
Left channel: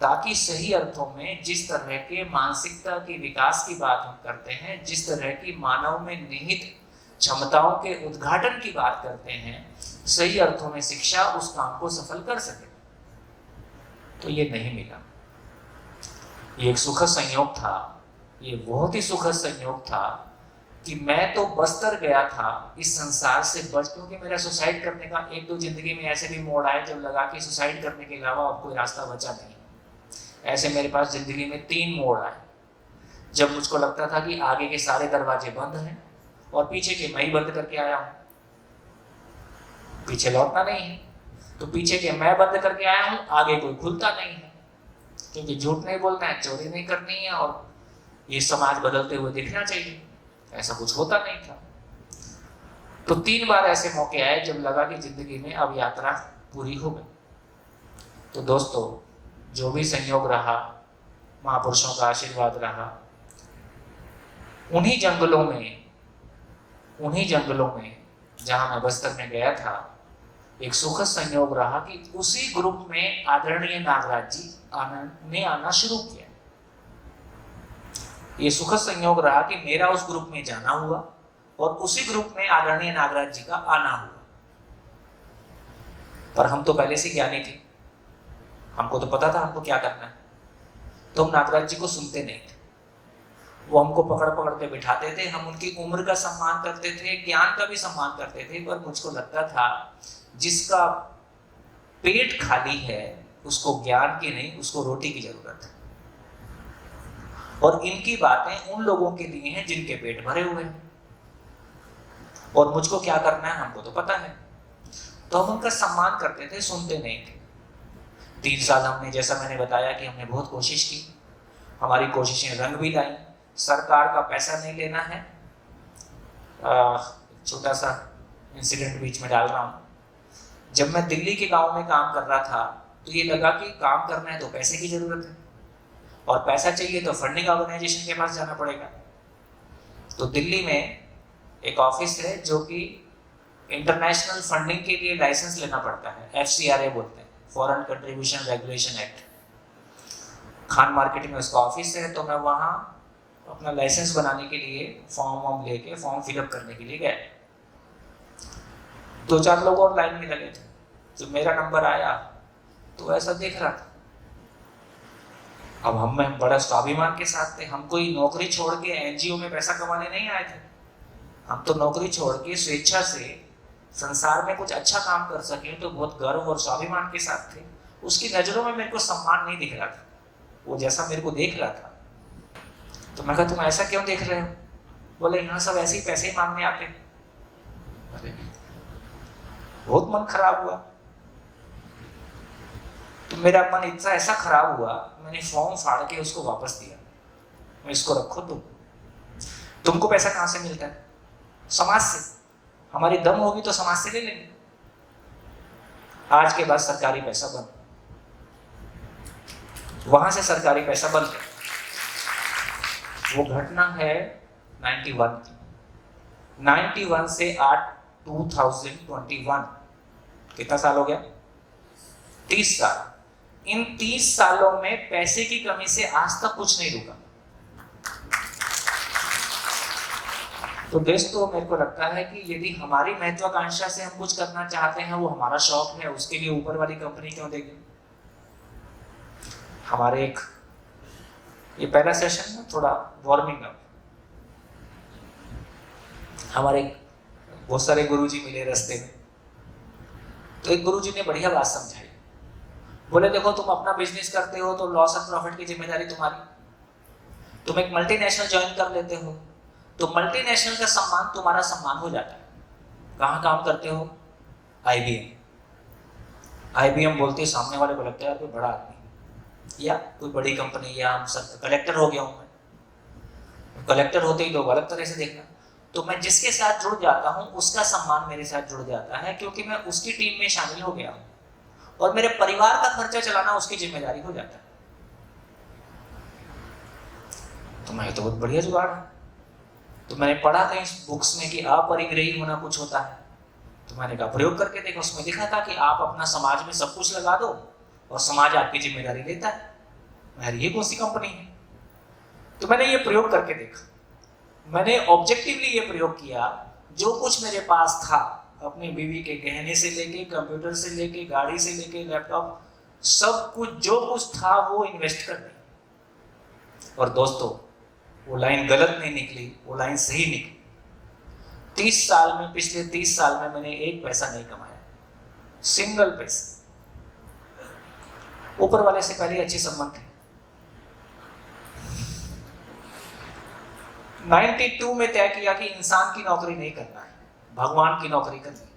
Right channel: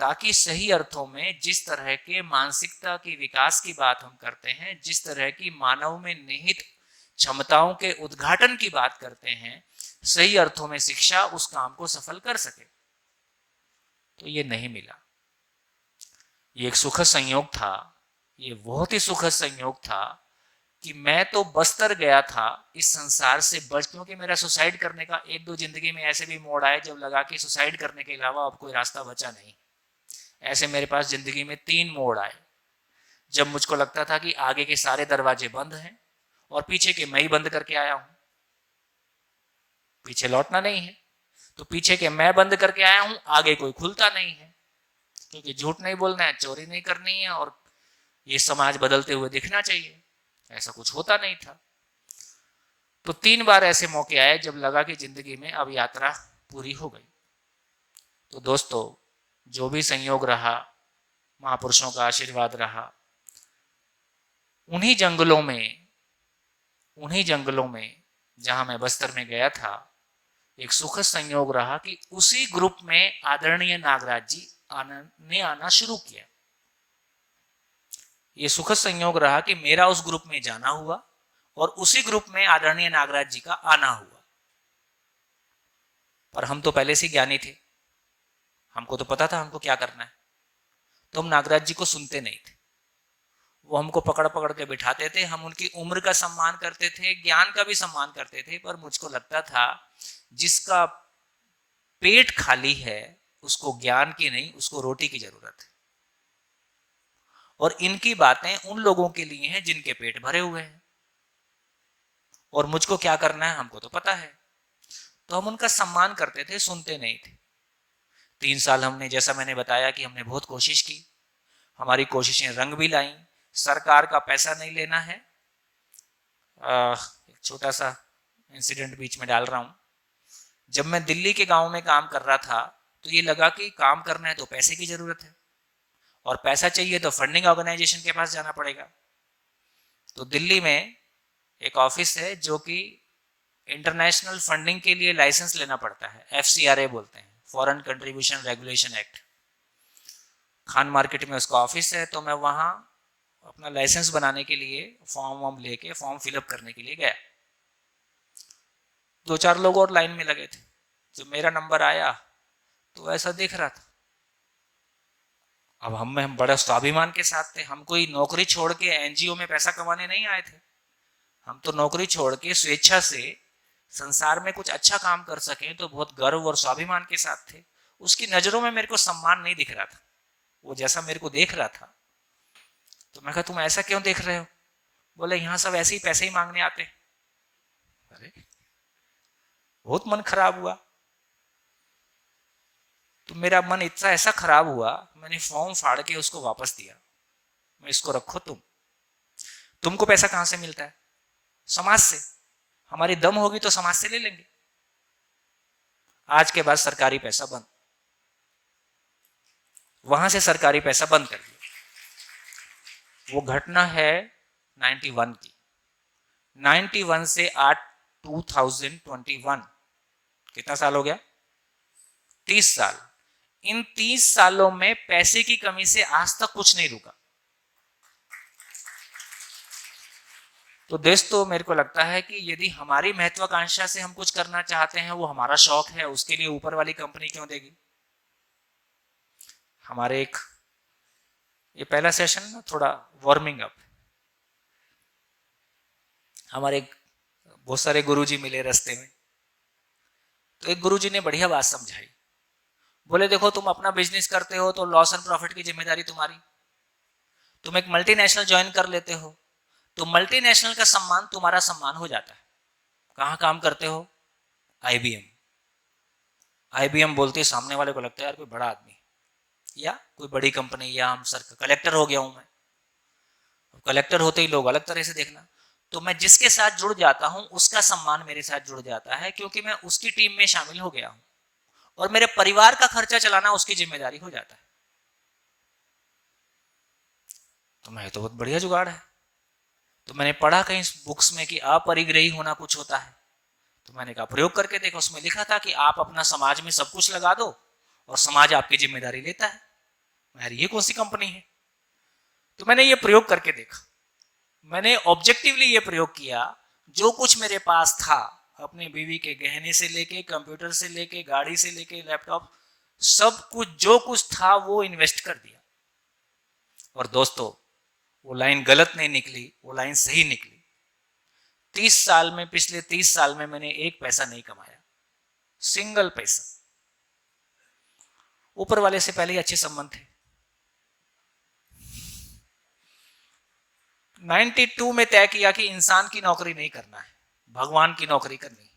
ताकि सही अर्थों में जिस तरह के मानसिकता के विकास की बात हम करते हैं, जिस तरह की मानव में निहित क्षमताओं के उद्घाटन की बात करते हैं, सही अर्थों में शिक्षा उस काम को सफल कर सके। तो ये नहीं मिला। ये एक सुखद संयोग था, ये बहुत ही सुखद संयोग था कि मैं तो बस्तर गया था इस संसार से बच, क्योंकि मेरा सुसाइड करने का 1-2 जिंदगी में ऐसे भी मोड़ आए जब लगा कि सुसाइड करने के अलावा अब कोई रास्ता बचा नहीं। ऐसे मेरे पास जिंदगी में 3 मोड़ आए जब मुझको लगता था कि आगे के सारे दरवाजे बंद हैं और पीछे के मैं ही बंद करके आया हूं, पीछे लौटना नहीं है। तो पीछे के मैं बंद करके आया हूं, आगे कोई खुलता नहीं है, क्योंकि झूठ नहीं बोलना है, चोरी नहीं करनी है, और ये समाज बदलते हुए दिखना चाहिए। ऐसा कुछ होता नहीं था। तो 3 बार ऐसे मौके आए जब लगा कि जिंदगी में अब यात्रा पूरी हो गई। तो दोस्तों, जो भी संयोग रहा, महापुरुषों का आशीर्वाद रहा, उन्हीं जंगलों में जहां मैं बस्तर में गया था, एक सुखद संयोग रहा कि उसी ग्रुप में आदरणीय नागराज जी ने आना शुरू किया। ये सुखद संयोग रहा कि मेरा उस ग्रुप में जाना हुआ और उसी ग्रुप में आदरणीय नागराज जी का आना हुआ। पर हम तो पहले से ज्ञानी थे, हमको तो पता था हमको क्या करना है, तो हम नागराज जी को सुनते नहीं थे। वो हमको पकड़ पकड़ के बिठाते थे, हम उनकी उम्र का सम्मान करते थे, ज्ञान का भी सम्मान करते थे, पर मुझको लगता था जिसका पेट खाली है उसको ज्ञान की नहीं, उसको रोटी की जरूरत है। और इनकी बातें उन लोगों के लिए हैं जिनके पेट भरे हुए हैं, और मुझको क्या करना है हमको तो पता है। तो हम उनका सम्मान करते थे, सुनते नहीं थे। 3 साल हमने, जैसा मैंने बताया कि हमने बहुत कोशिश की, हमारी कोशिशें रंग भी लाई। सरकार का पैसा नहीं लेना है। छोटा सा इंसिडेंट बीच में डाल रहा हूँ। जब मैं दिल्ली के गांव में काम कर रहा था तो ये लगा कि काम करना है तो पैसे की जरूरत है, और पैसा चाहिए तो फंडिंग ऑर्गेनाइजेशन के पास जाना पड़ेगा। तो दिल्ली में एक ऑफिस है जो कि इंटरनेशनल फंडिंग के लिए लाइसेंस लेना पड़ता है, FCRA बोलते हैं, foreign contribution regulation act. Khan market में उसका ऑफिस है। तो मैं वहाँ अपना लाइसेंस बनाने के लिए फॉर्म फिलअप करने के लिए गया। 2-4 लोग और लाइन में लगे थे। जब मेरा नंबर आया तो ऐसा देख रहा था, अब हम बड़ा स्वाभिमान के साथ थे। हम कोई नौकरी छोड़ के एनजीओ में पैसा कमाने नहीं आए थे। हम तो नौकरी छोड़ के स्वेच्छा से संसार में कुछ अच्छा काम कर सके तो बहुत गर्व और स्वाभिमान के साथ थे। उसकी नजरों में मेरे को सम्मान नहीं दिख रहा था, वो जैसा मेरे को देख रहा था। तो मैं कहा तुम ऐसा क्यों देख रहे हो? बोले यहाँ सब ऐसे ही पैसे ही मांगने आते। अरे बहुत मन खराब हुआ। तो मेरा मन इतना ऐसा खराब हुआ, मैंने फॉर्म फाड़ के उसको वापस दिया। मैं इसको रखो तुमको पैसा कहां से मिलता है? समाज से। हमारी दम होगी तो समाज से ले लेंगे। आज के बाद सरकारी पैसा बंद। वहां से सरकारी पैसा बंद कर। वो घटना है 91 की। 91 से 2021 कितना साल हो गया? 30 साल। इन 30 सालों में पैसे की कमी से आज तक कुछ नहीं रुका। तो दोस्तों मेरे को लगता है कि यदि हमारी महत्वाकांक्षा से हम कुछ करना चाहते हैं, वो हमारा शौक है, उसके लिए ऊपर वाली कंपनी क्यों देगी? हमारे ये पहला सेशन ना थोड़ा वार्मिंग अप। हमारे बहुत सारे गुरुजी मिले रास्ते में। तो एक गुरुजी ने बढ़िया बात समझाई। बोले देखो तुम अपना बिजनेस करते हो तो लॉस एंड प्रॉफिट की जिम्मेदारी तुम्हारी। तुम एक मल्टीनेशनल ज्वाइन कर लेते हो तो मल्टीनेशनल का सम्मान तुम्हारा सम्मान हो जाता है। कहाँ काम करते हो? आईबीएम बोलती है, सामने वाले को लगता है कोई बड़ा आदमी या कोई बड़ी कंपनी, या हम सब कलेक्टर हो गया हूं मैं। कलेक्टर होते ही लोग अलग तरह से देखना। तो मैं जिसके साथ जुड़ जाता हूं उसका सम्मान मेरे साथ जुड़ जाता है, क्योंकि मैं उसकी टीम में शामिल हो गया हूं और मेरे परिवार का खर्चा चलाना उसकी जिम्मेदारी हो जाता है। तो मैं तो बहुत बढ़िया जुगाड़ है। तो मैंने पढ़ा कहीं बुक्स में कि अपरिग्रही होना कुछ होता है। तो मैंने कहा प्रयोग करके देखो। उसमें लिखा था कि आप अपना समाज में सब कुछ लगा दो और समाज आपकी जिम्मेदारी लेता है। मैं ये कौन सी कंपनी है? तो मैंने ये प्रयोग करके देखा। मैंने ऑब्जेक्टिवली ये प्रयोग किया। जो कुछ मेरे पास था, अपनी बीवी के गहने से लेके, कंप्यूटर से लेके, गाड़ी से लेके, लैपटॉप, सब कुछ जो कुछ था वो इन्वेस्ट कर दिया। और दोस्तों वो लाइन गलत नहीं निकली, वो लाइन सही निकली। 30 साल में, पिछले 30 साल में मैंने एक पैसा नहीं कमाया, सिंगल पैसा। ऊपर वाले से पहले अच्छे संबंध थे। 92 में तय किया कि इंसान की नौकरी नहीं करना है, भगवान की नौकरी करनी है।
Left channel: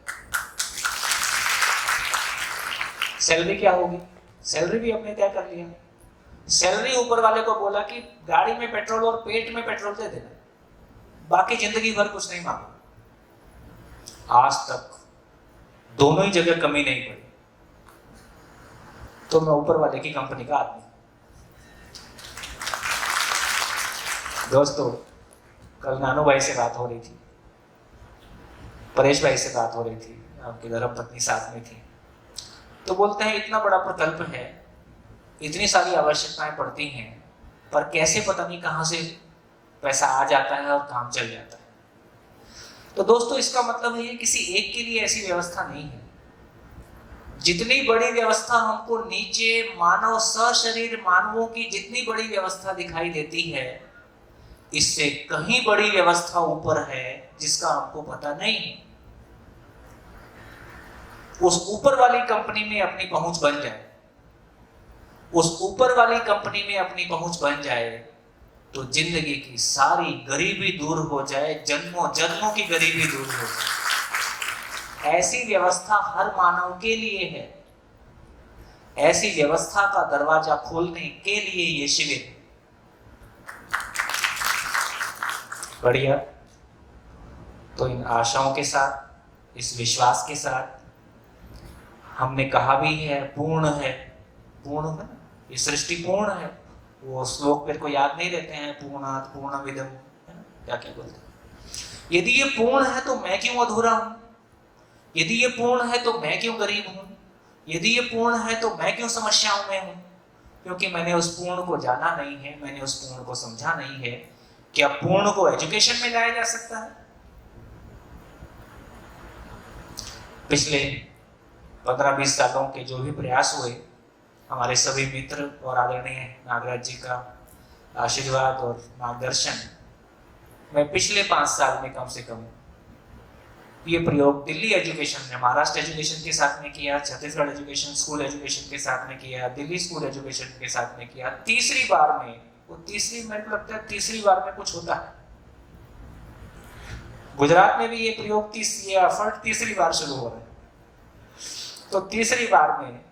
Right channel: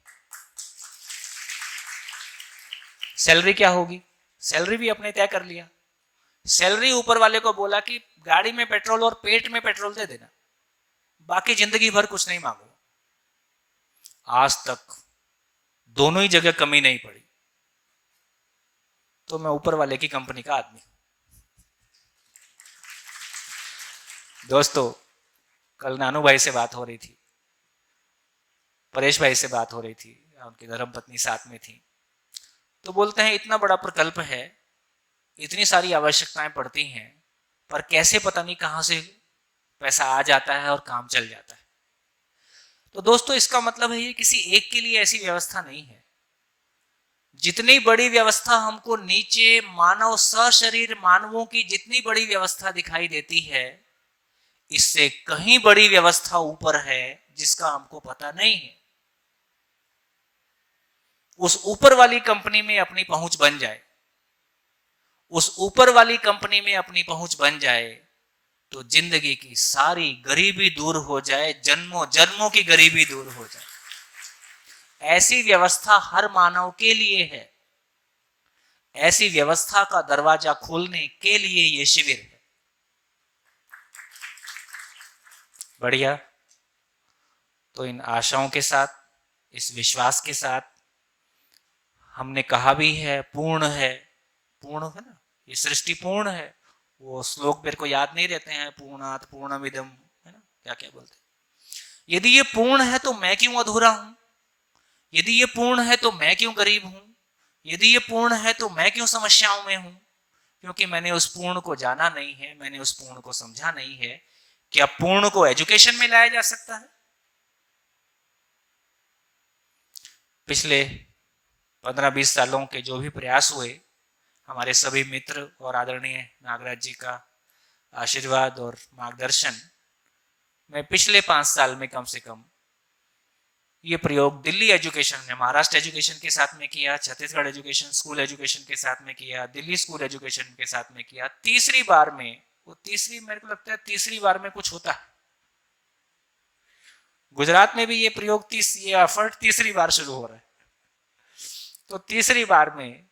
सैलरी क्या होगी? सैलरी भी अपने तय कर लिया। सैलरी ऊपर वाले को बोला कि गाड़ी में पेट्रोल और पेट में पेट्रोल दे देना, बाकी जिंदगी भर कुछ नहीं मांगो। आज तक दोनों ही जगह कमी नहीं पड़ी। तो मैं ऊपर वाले की कंपनी का आदमी। दोस्तों कल नानू भाई से बात हो रही थी, परेश भाई से बात हो रही थी, आपकी धर्मपत्नी साथ में थी। तो बोलते हैं इतना बड़ा प्रकल्प है, इतनी सारी आवश्यकताएं पड़ती हैं, पर कैसे पता नहीं कहां से पैसा आ जाता है और काम चल जाता है। तो दोस्तों इसका मतलब है ये किसी एक के लिए ऐसी व्यवस्था नहीं है। जितनी बड़ी व्यवस्था हमको नीचे मानव सशरीर मानवों की जितनी बड़ी व्यवस्था दिखाई देती है, इससे कहीं बड़ी व्यवस्था ऊपर है जिसका हमको पता नहीं है। उस ऊपर वाली कंपनी में अपनी पहुंच बन जाए, उस ऊपर वाली कंपनी में अपनी पहुंच बन जाए तो जिंदगी की सारी गरीबी दूर हो जाए, जन्मों जन्मों की गरीबी दूर हो जाए। ऐसी व्यवस्था हर मानव के लिए है। ऐसी व्यवस्था का दरवाजा खोलने के लिए ये शिविर। बढ़िया। तो इन आशाओं के साथ, इस विश्वास के साथ, हमने कहा भी है पूर्ण है, पूर्ण है ना, ये सृष्टि पूर्ण है। वो श्लोक मेरे को याद नहीं रहते हैं, पूर्णात पूर्णमिदं, है ना, क्या क्या बोलते हैं। यदि ये पूर्ण है तो मैं क्यों अधूरा हूं? यदि ये पूर्ण है तो मैं क्यों गरीब हूं? यदि ये पूर्ण है तो मैं क्यों समस्याओं में हूं? क्योंकि मैंने उस पूर्ण को जाना नहीं है, मैंने उस पूर्ण को समझा नहीं है। क्या पूर्ण को एजुकेशन में लाया जा सकता है? पिछले 15-20 सालों के जो भी प्रयास हुए, हमारे सभी मित्र और आदरणीय नागराज जी का आशीर्वाद और मार्गदर्शन, मैं पिछले 5 साल में कम से कम ये प्रयोग दिल्ली एजुकेशन ने, महाराष्ट्र एजुकेशन के साथ में किया, छत्तीसगढ़ एजुकेशन स्कूल एजुकेशन के साथ में किया, दिल्ली स्कूल एजुकेशन के साथ में किया। तीसरी बार में, वो तीसरी, मेरे को लगता है तीसरी बार में कुछ होता है। गुजरात में भी ये प्रयोग ये एफर्ट तीसरी बार शुरू हो रहा है, तो तीसरी बार में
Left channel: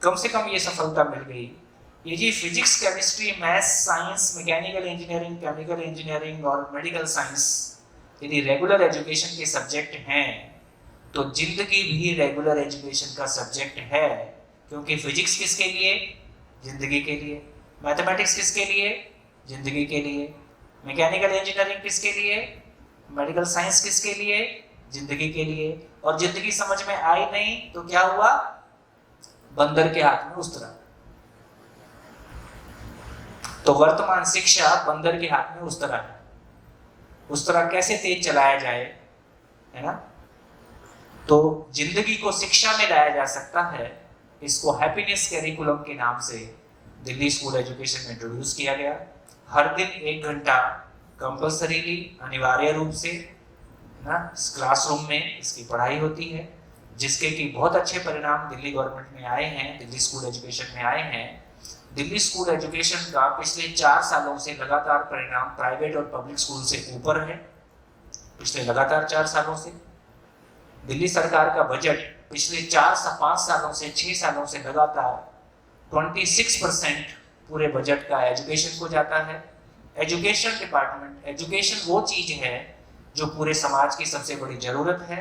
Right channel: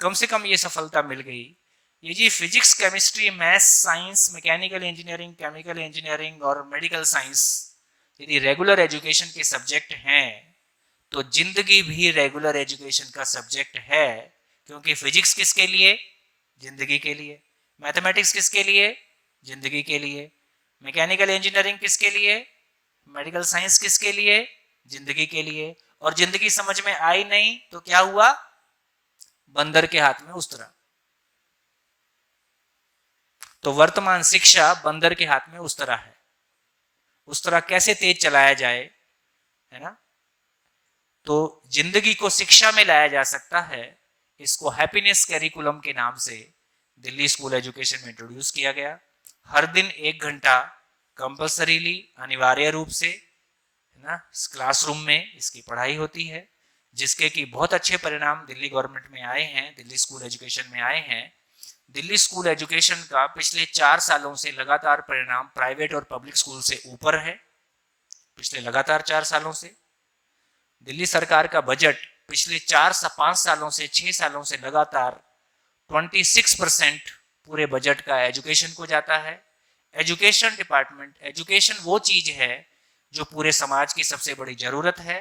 कम से कम ये सफलता मिल गई। ये जी physics, chemistry, maths, science, mechanical engineering, chemical engineering और मेडिकल साइंस यदि रेगुलर एजुकेशन के सब्जेक्ट हैं, तो जिंदगी भी रेगुलर एजुकेशन का सब्जेक्ट है। क्योंकि फिजिक्स किसके लिए? जिंदगी के लिए। मैथमेटिक्स किसके लिए? जिंदगी के लिए। मैकेनिकल इंजीनियरिंग किसके लिए? मेडिकल साइंस किसके लिए? जिंदगी के लिए। और जिंदगी समझ में आई नहीं तो क्या हुआ? बंदर के हाथ में उस्तरा। तो वर्तमान शिक्षा बंदर के हाथ में उस्तरा है। उस्तरा कैसे तेज चलाया जाए, है ना? तो जिंदगी को शिक्षा में लाया जा सकता है। इसको हैप्पीनेस कैरिकुलम के नाम से दिल्ली स्कूल एजुकेशन में इंट्रोड्यूस किया गया। हर दिन 1 घंटा कंपल्सरीली, अनिवार्य रूप से, ना, क्लासरूम में इसकी पढ़ाई होती है, जिसके कि बहुत अच्छे परिणाम दिल्ली गवर्नमेंट में आए हैं, दिल्ली स्कूल एजुकेशन में आए हैं। दिल्ली स्कूल एजुकेशन का पिछले 4 सालों से लगातार परिणाम प्राइवेट और पब्लिक स्कूल से ऊपर है। पिछले लगातार 4 सालों से दिल्ली सरकार का बजट पिछले 5 सालों से 6 सालों से लगातार 26% पूरे बजट का एजुकेशन को जाता है। एजुकेशन डिपार्टमेंट, एजुकेशन वो चीज है जो पूरे समाज की सबसे बड़ी जरूरत है।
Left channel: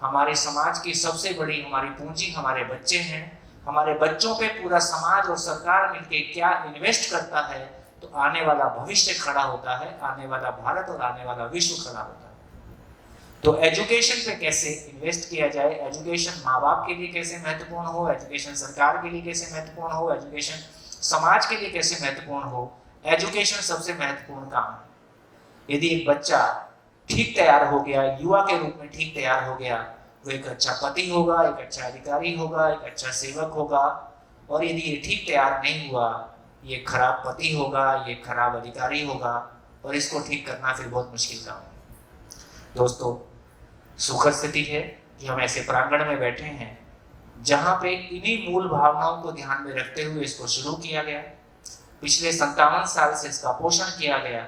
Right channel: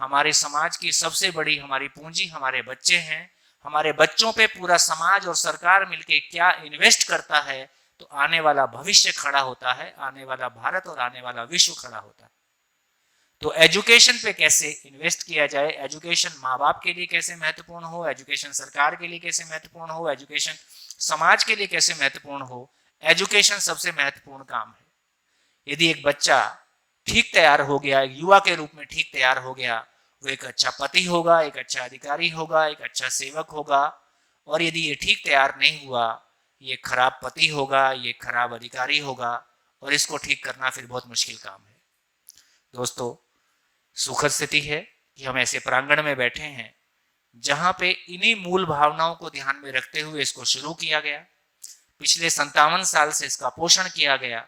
हमारे समाज की सबसे बड़ी हमारी पूंजी हमारे बच्चे हैं। हमारे बच्चों पे पूरा समाज और सरकार मिलके क्या इन्वेस्ट करता है, तो आने वाला भविष्य खड़ा होता है, आने वाला भारत और आने वाला विश्व खड़ा होता है। तो एजुकेशन पे कैसे इन्वेस्ट किया जाए, एजुकेशन माँ बाप के लिए कैसे महत्वपूर्ण हो, एजुकेशन सरकार के लिए कैसे महत्वपूर्ण हो, एजुकेशन समाज के लिए कैसे महत्वपूर्ण हो, एजुकेशन सबसे महत्वपूर्ण काम है। यदि एक बच्चा ठीक तैयार हो गया, युवा के रूप में ठीक तैयार हो गया, वो एक अच्छा पति होगा, एक अच्छा अधिकारी होगा, एक अच्छा सेवक होगा। और यदि ये ठीक तैयार नहीं हुआ, ये खराब पति होगा, ये खराब अधिकारी होगा, और इसको ठीक करना फिर बहुत मुश्किल काम है। दोस्तों, सुखद स्थिति है कि हम ऐसे प्रांगण में बैठे हैं जहां पे इन्हीं मूल भावनाओं को ध्यान में रखते हुए इसको शुरू किया गया। पिछले 57 साल से इसका पोषण किया गया,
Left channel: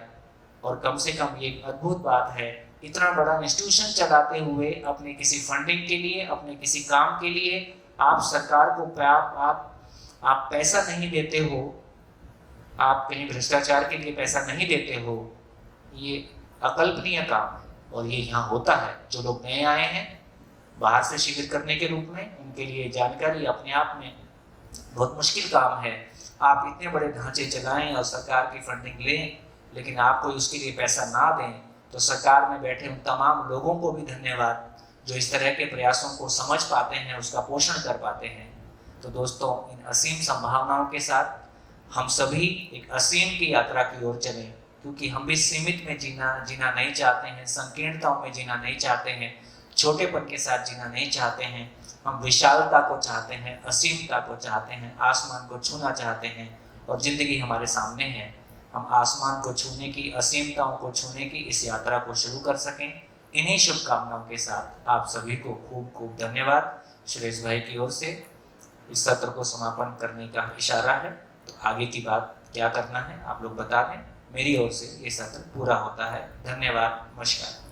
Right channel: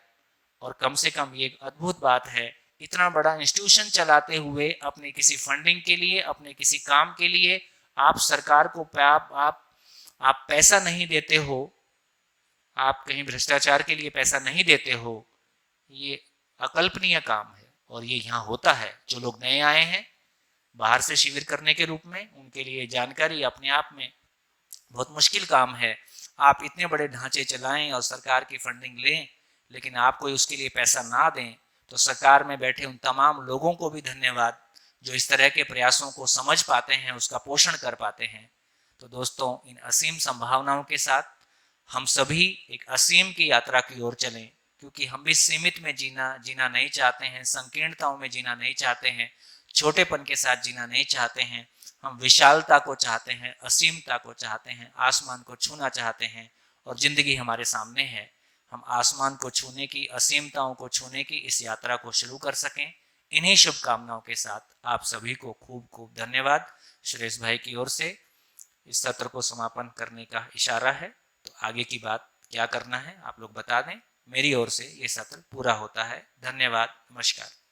और कम से कम ये अद्भुत बात है, इतना बड़ा इंस्टीट्यूशन चलाते हुए अपने किसी फंडिंग के लिए, अपने किसी काम के लिए आप सरकार को आप पैसा नहीं देते हो, आप कहीं भ्रष्टाचार के लिए पैसा नहीं देते हो। ये अकल्पनीय काम है, और ये यहाँ होता है। जो लोग नए आए हैं बाहर से शिविर करने के रूप में, उनके लिए जानकारी अपने आप में बहुत मुश्किल काम है। आप इतने बड़े ढांचे चलाएं और सरकार की फंडिंग लें, लेकिन आप कोई उसके लिए पैसा ना दें, तो सरकार में बैठे उन तमाम लोगों को भी धन्यवाद जो इस तरह के प्रयासों को समझ पाते हैं, उसका पोषण कर पाते हैं। तो दोस्तों, इन असीम संभावनाओं के साथ हम सभी एक असीम की यात्रा की ओर चलें, क्योंकि हम भी सीमित में जीना नहीं चाहते हैं, संकीर्णताओं में जीना नहीं चाहते हैं, छोटेपन के साथ जीना नहीं चाहते हैं। हम विशालता को चाहते हैं, असीमता को चाहते हैं, आसमान को छूना चाहते हैं, और जिंदगी हमारे सामने है। हम आसमान को छूने की, असीमताओं को छूने की इस यात्रा को शुरू कर सकें। इन्हीं शुभकामनाओं के साथ आप सभी को खूब खूब धन्यवाद। सुरेश भाई की ओर से इस सत्र को समापन करने का इशारा है, तो आगे की बात क्या करना है आप लोग बता दें। मेरी ओर से ये सत्र पूरा होता है। धन्यवाद, नमस्कार।